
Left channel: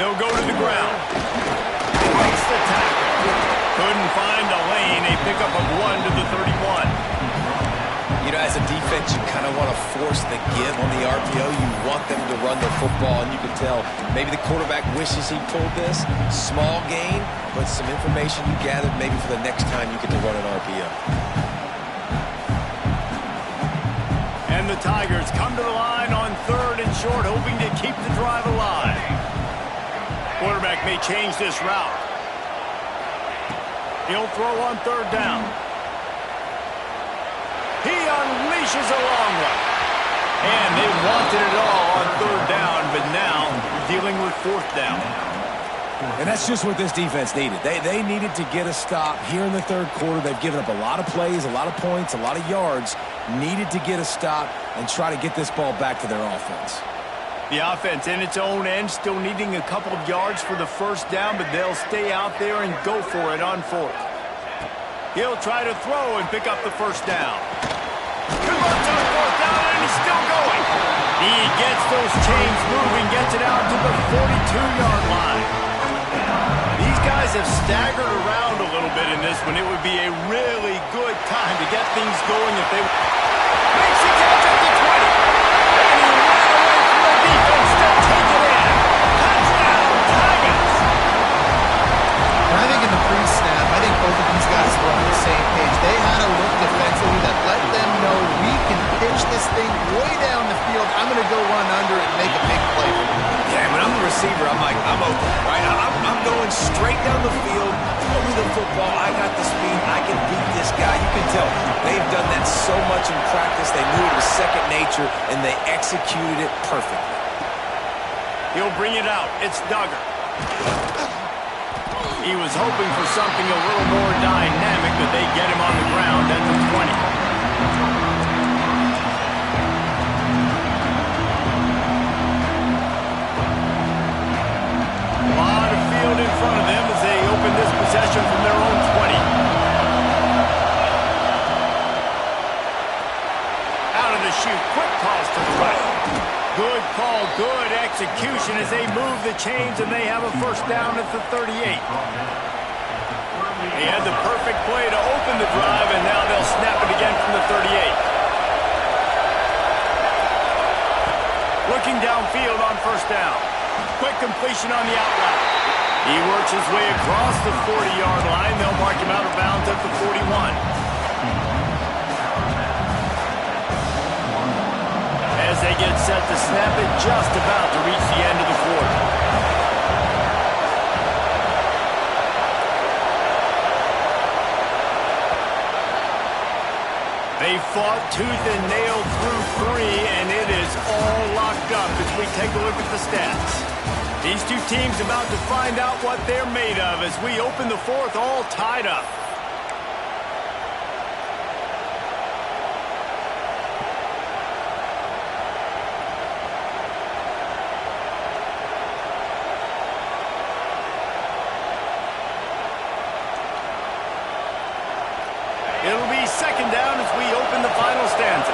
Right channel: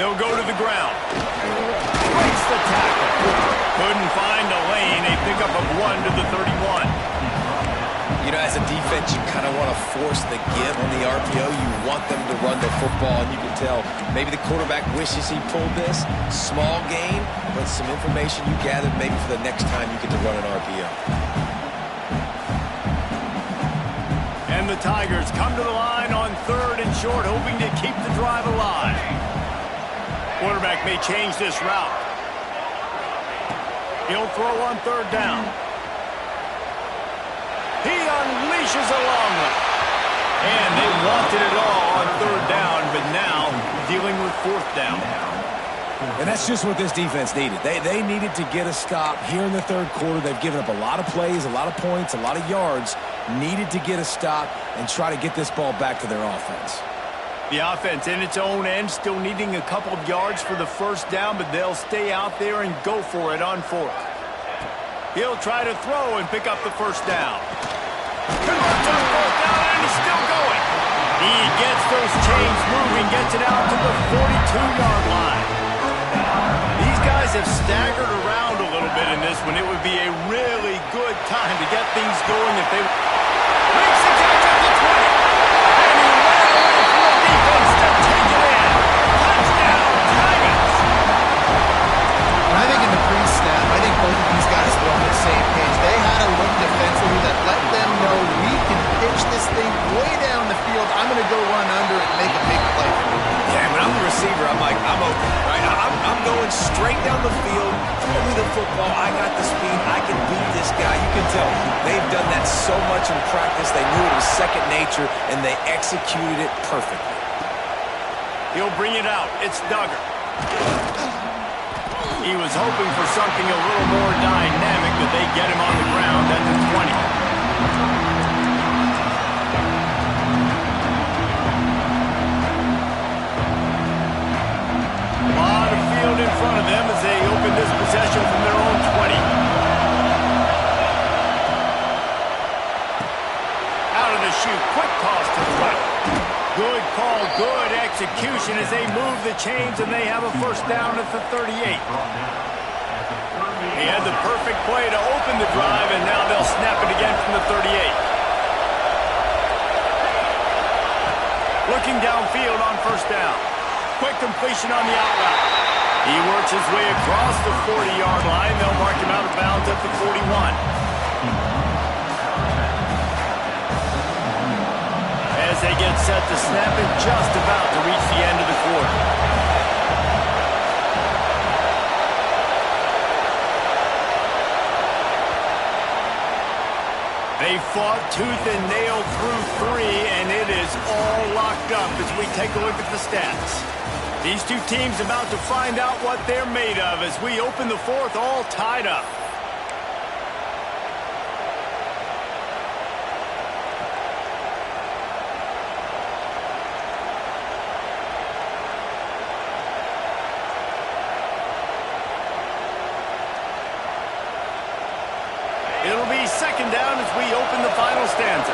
They'll go to the ground. Breaks the tackle. Couldn't find a lane. A pickup of 1 to the 31. You know, as a defense, you kind of want to force the give on the RPO. You want them to run the football, and you can tell maybe the quarterback wishes he pulled this. Small gain, but some information you gathered maybe for the next time you get to run an RPO. And the Tigers come to the line on third and short, hoping to keep the drive alive. Quarterback may change this route. He'll throw on third down. He unleashes a long one. And they wanted it all on third down, but now dealing with fourth down. And that's just what this defense needed. They needed to get a stop here in the third quarter. They've given up a lot of plays, a lot of points, a lot of yards. Needed to get a stop and try to get this ball back to their offense. The offense in its own end, still needing a couple of yards for the first down, but they'll stay out there and go for it on fourth. He'll try to throw and pick up the first down. Converts on fourth down, and he's still going. He gets those chains moving, gets it out to the 42-yard line. These guys have staggered around a little bit in this one. It would be a really good time to get things going if they... Makes the catch up to 20. And he ran away from the defense to take it in. Touchdown, Tigers! I think in the pre-snap, I think both of these guys were on the same page. They had a look defensively that let them know we can pitch this thing way down the field. I'm going to go run under it and make a big play for me. Yeah, when I'm the receiver, I'm like, I'm open, right? I'm going straight down the field. Throw me the football. I got the speed. I can beat this guy. You can tell they've done that so much in practice. They knew it was second nature, and they executed it perfectly. He'll bring it out. It's Duggar. He was hoping for something a little more dynamic, but they get him on the ground at the 20. A lot of field in front of them as they open this possession from their own 20. shoot. Quick toss to the right. Good call, good execution as they move the chains, and they have a first down at the 38. He had the perfect play to open the drive, and now they'll snap it again from the 38. Looking downfield on first down. Quick completion on the out route. He works his way across the 40-yard line. They'll mark him out of bounds at the 41. As they get set to snap it, just about to reach the end of the quarter. They fought tooth and nail through 3, and it is all locked up as we take a look at the stats. These two teams about to find out what they're made of as we open the fourth, all tied up. It'll be second down as we open the final stanza.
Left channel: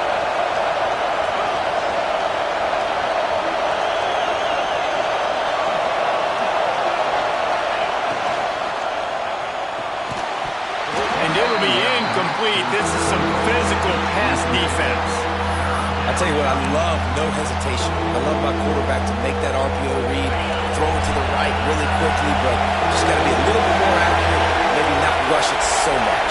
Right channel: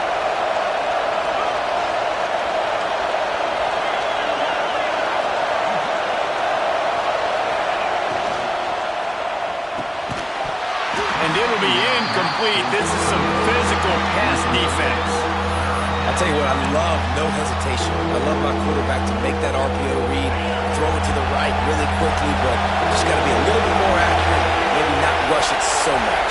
And it'll be incomplete. This is some physical pass defense. I tell you what, I love no hesitation. I love my quarterback to make that RPO read, throw it to the right really quickly, but just got to be a little bit more accurate, maybe not rush it so much.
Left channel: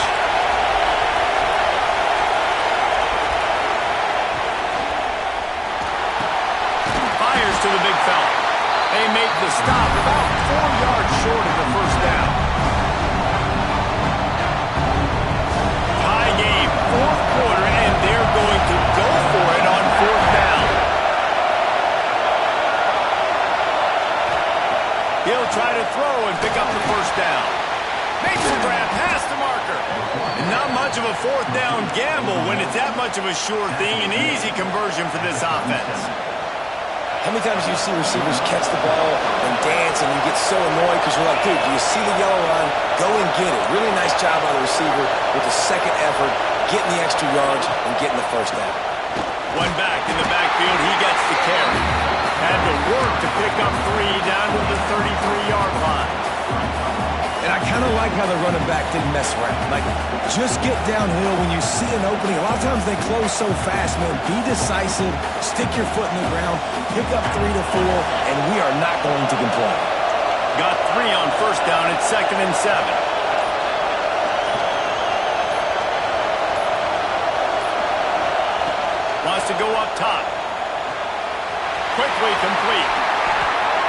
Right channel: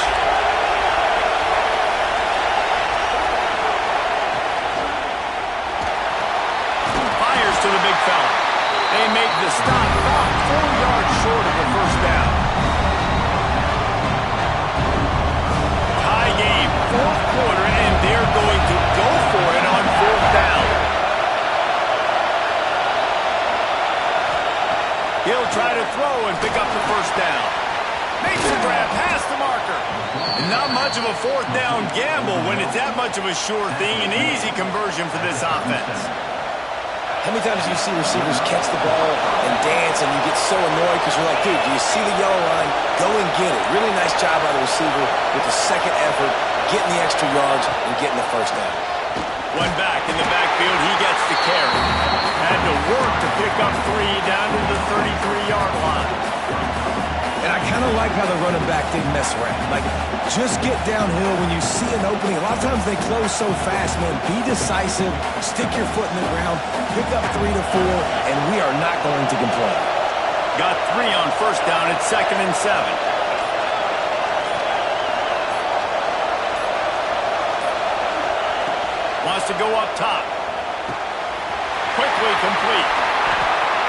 Fires to the big fella. They make the stop about 4 yards short of the first down. Tie game, fourth quarter, and they're going to go for it on fourth down. He'll try to throw and pick up the first down. Makes the grab past the marker. And not much of a fourth down gamble when it's that much of a sure thing. An easy conversion for this offense. How many times do you see receivers catch the ball and dance and you get so annoyed because you're like, dude, do you see the yellow line? Go and get it. Really nice job by the receiver with the second effort, getting the extra yards and getting the first down. One back in the backfield, he gets the carry. Had to work to pick up 3 down to the 33-yard line. And I kind of like how the running back didn't mess around. Like, just get downhill when you see an opening. A lot of times they close so fast, man. Be decisive, stick your foot in the ground, pick up 3 to 4, and we are not going to complain. Got 3 on first down. It's 2nd and 7. Wants to go up top. Quickly complete.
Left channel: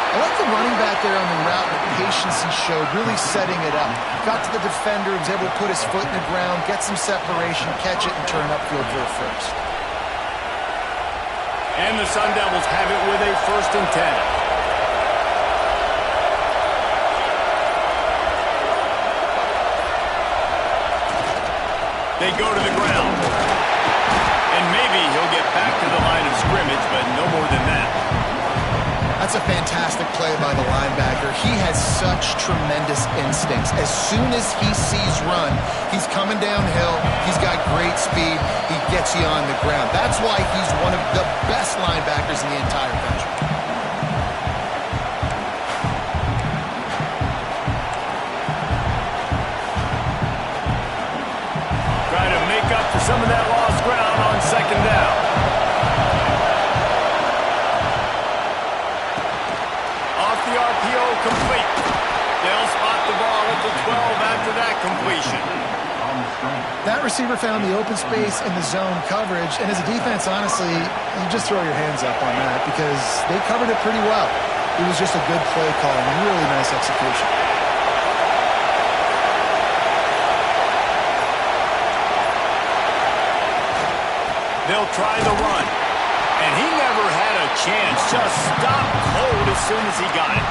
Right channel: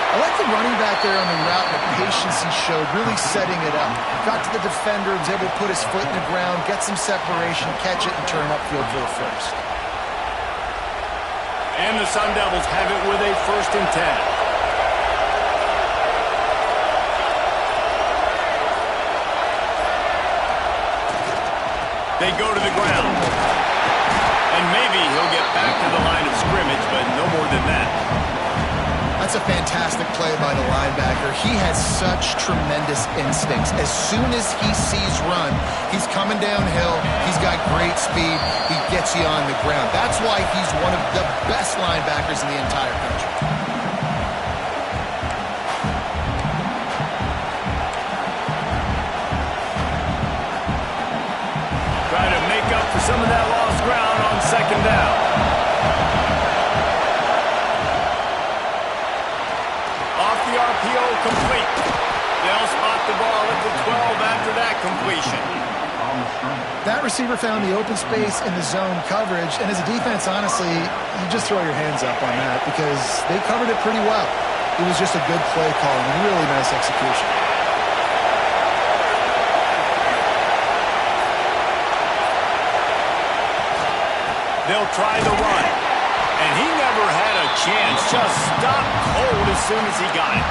I like the running back there on the route and the patience he showed, really setting it up. Got to the defender, was able to put his foot in the ground, get some separation, catch it, and turn upfield for the first. And the Sun Devils have it with a 1st and 10. They go to the ground. And maybe he'll get back to the line of scrimmage, but no more than that. That's a fantastic play by the linebacker. He has such tremendous instincts. As soon as he sees run, he's coming downhill. He's got great speed. He gets you on the ground. That's why he's one of the best linebackers in the entire country. Try to make up for some of that lost ground on 2nd down. The RPO complete. They'll spot the ball at the 12 after that completion. That receiver found the open space in the zone coverage, and as a defense, honestly, you just throw your hands up on that because they covered it pretty well. It was just a good play call and really nice execution. They'll try the run. And he never had a chance, just stopped cold as soon as he got it.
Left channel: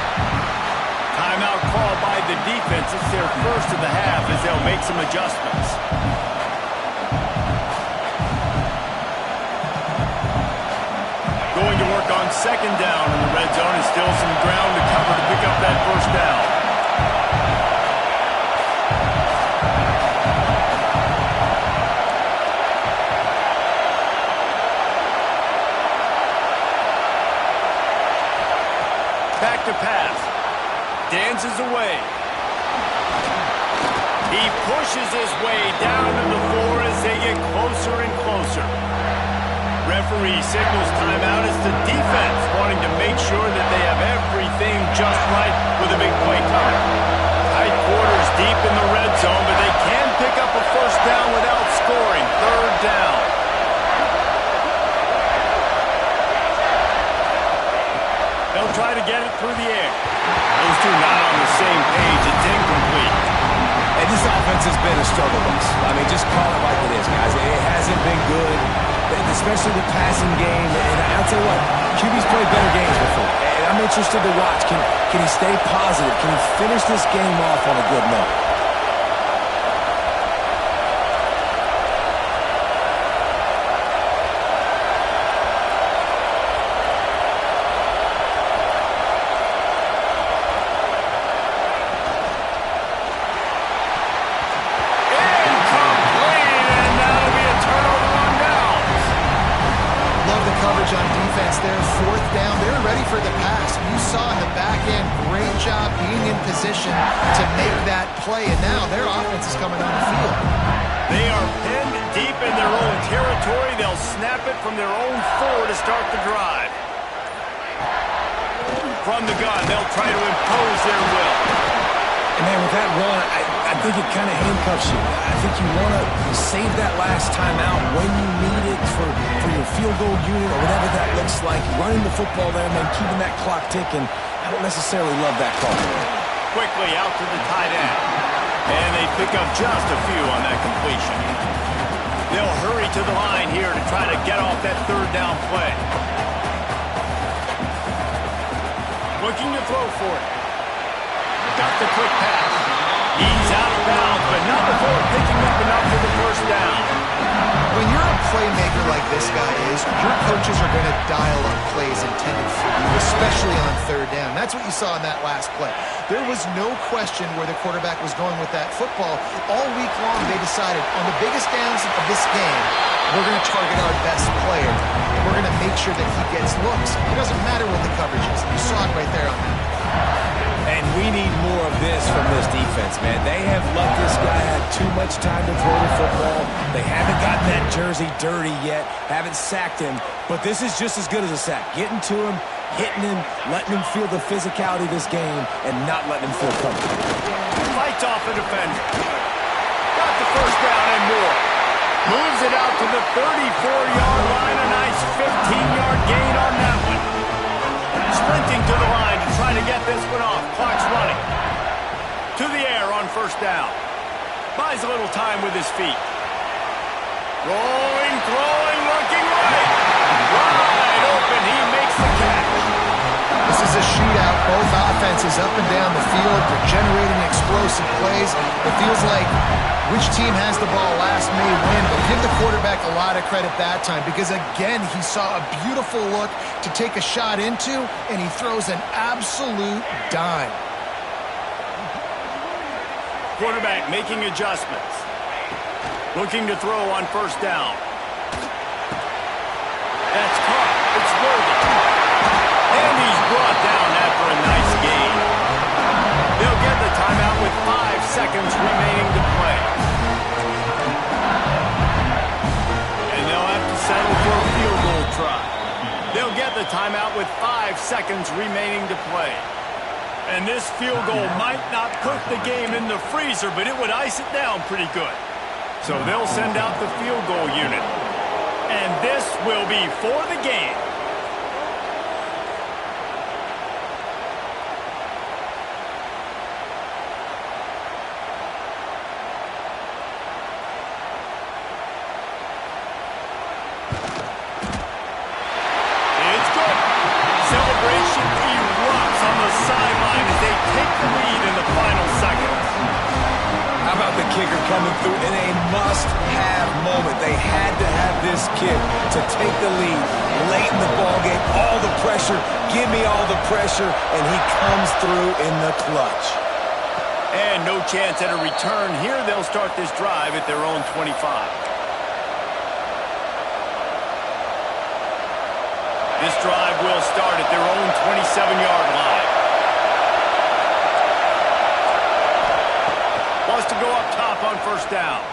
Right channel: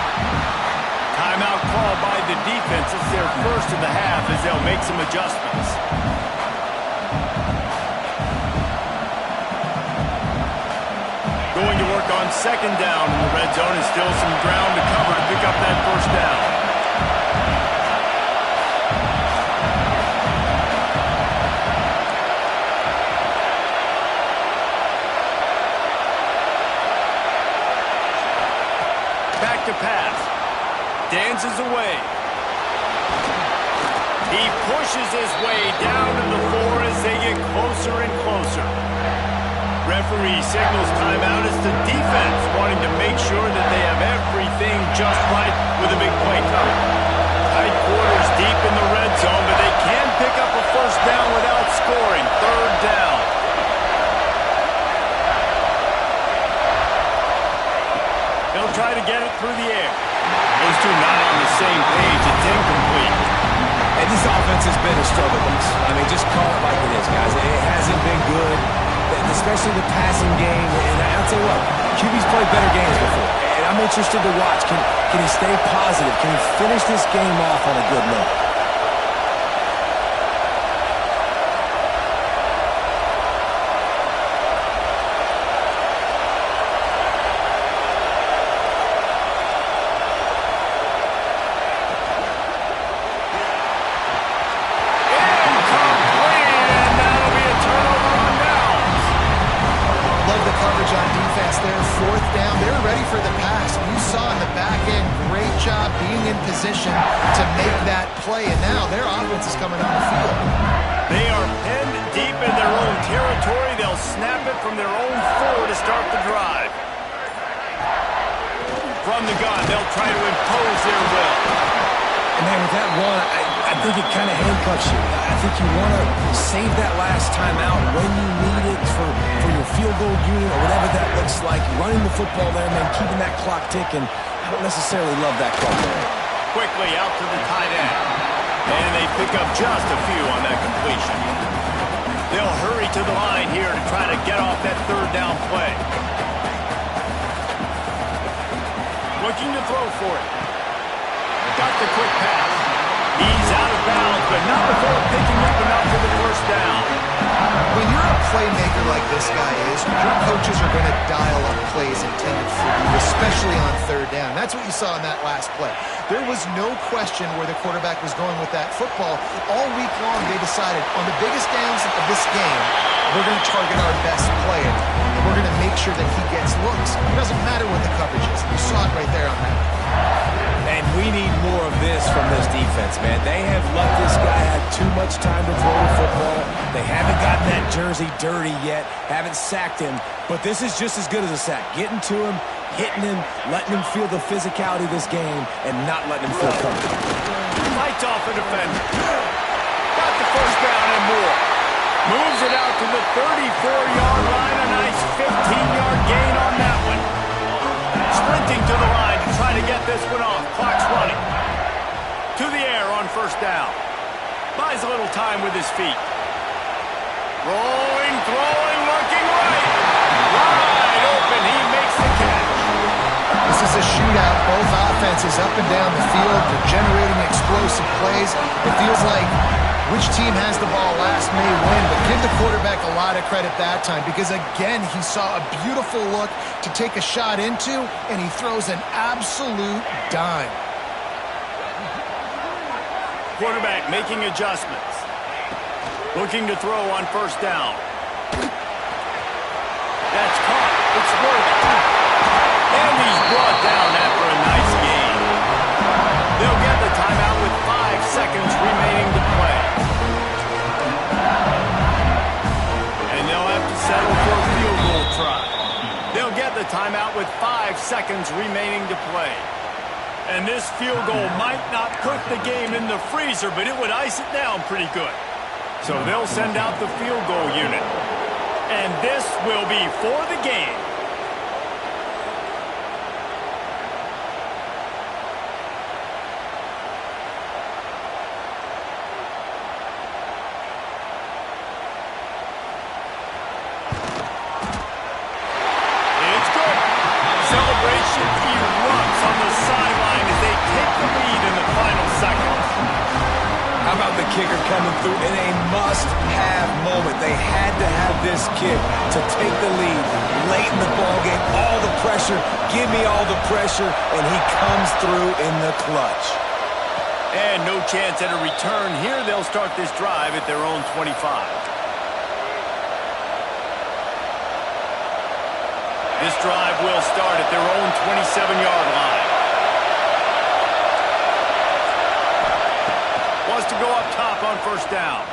Timeout called by the defense. It's their first of the half as they'll make some adjustments. Going to work on 2nd down in the red zone, and still some ground to cover to pick up that first down. to pass. Dances away. He pushes his way down to the floor as they get closer and closer. Referee signals timeout as the defense wanting to make sure that they have everything just right with a big play coming. Tight quarters deep in the red zone, but they can pick up a first down without scoring. Third down. They'll try to get it through the air. Those two not on the same page. It's incomplete. And this offense has been a struggle bus. I mean, just call it like it is, guys. It hasn't been good, especially the passing game. And I'll tell you what, QB's played better games before. And I'm interested to watch. Can he stay positive? Can he finish this game off on a good note? On defense there, fourth down. They're ready for the pass. You saw in the back end, great job being in position to make that play, and now their offense is coming on the field. They are pinned deep in their own territory. They'll snap it from their own 4 to start the drive. From the gun, they'll try to impose their will. And, man, with that run, I think it kind of handcuffs you. I think you want to save that last time out when you need it for your field goal unit or whatever that looks like. Running the football there, man, keeping that clock ticking. I don't necessarily love that call. Quickly out to the tight end. And they pick up just a few on that completion. They'll hurry to the line here to try to get off that third down play. Looking to throw for it. Got the quick pass. He's out of bounds, but not before picking up enough for the first down. When you're a playmaker like this guy is, your coaches are going to dial up plays intended for you, especially on third down. That's what you saw in that last play. There was no question where the quarterback was going with that football. All week long, they decided on the biggest downs of this game, we're going to target our best player, and we're going to make sure that he gets looks. It doesn't matter what the coverage is. You saw it right there on that. And we need more of this from this defense, man. They have let this guy have too much time to throw the football. They haven't gotten that jersey dirty yet, haven't sacked him. But this is just as good as a sack. Getting to him, hitting him, letting him feel the physicality of this game, and not letting him feel comfortable. Fights off a defender. Got the first down and more. Moves it out to the 34-yard line. A nice 15-yard gain on that one. Sprinting to the line to try to get this one off. Clock's running. To the air on first down. Buys a little time with his feet. Rolling, throwing, looking right. Wide open. He makes the catch. This is a shootout. Both offenses up and down the field. They're generating explosive plays. It feels like which team has the ball last may win, but give the quarterback a lot of credit that time because, again, he saw a beautiful look to take a shot into, and he throws an absolute dime. Quarterback making adjustments. Looking to throw on first down. That's caught. It's worthy. And he's brought down after a nice gain. They'll get the timeout with 5 seconds remaining to play. And they'll have to settle for a field goal try. They'll get the timeout with 5 seconds remaining to play. And this field goal might not put the game in the freezer, but it would ice it down pretty good. So they'll send out the field goal unit. And this will be for the game. Celebration erupts on the sideline as they take the lead in the final seconds. How about the kicker coming through in a must-have moment? They had to have this kick to take the lead late in the ballgame. All the pressure, give me all the pressure, and he comes through in the clutch. And no chance at a return here. They'll start this drive at their own 25. This drive will start at their own 27-yard line. wants to go up top on first down.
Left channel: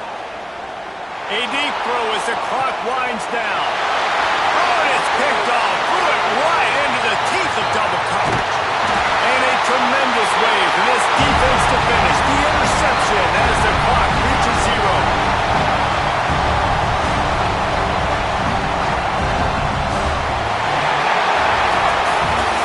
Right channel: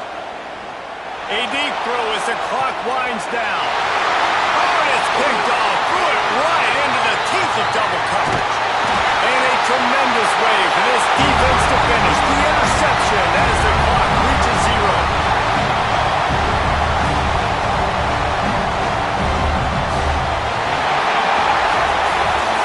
A deep throw as the clock winds down. Oh, and it's picked off. Threw it right into the teeth of double coverage. And a tremendous way for this defense to finish the interception as the clock reaches 0.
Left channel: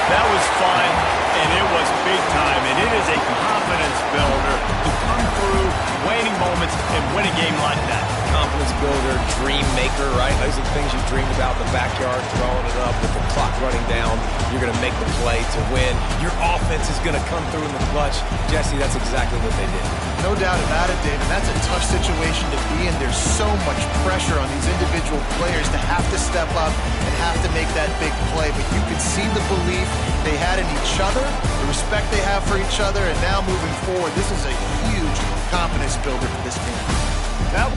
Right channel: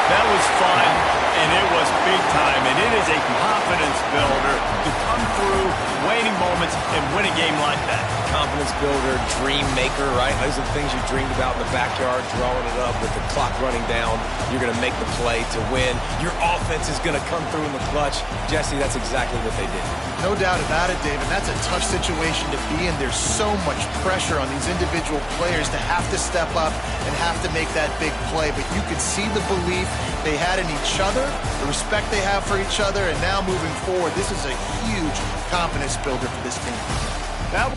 That was fun, and it was big time, and it is a confidence builder to come through waning moments and win a game like that. Confidence builder, dream maker, right? Those are the things you dreamed about in the backyard, drawing it up with the clock running down. You're going to make the play to win. Your offense is going to come through in the clutch. Jesse, that's exactly what they did. No doubt about it, David. That's a tough situation to be in. There's so much pressure on these individual players to have to step up and have to make that big play. But you could see the belief they had in each other, the respect they have for each other, and now moving forward, this is a huge confidence builder for this team. That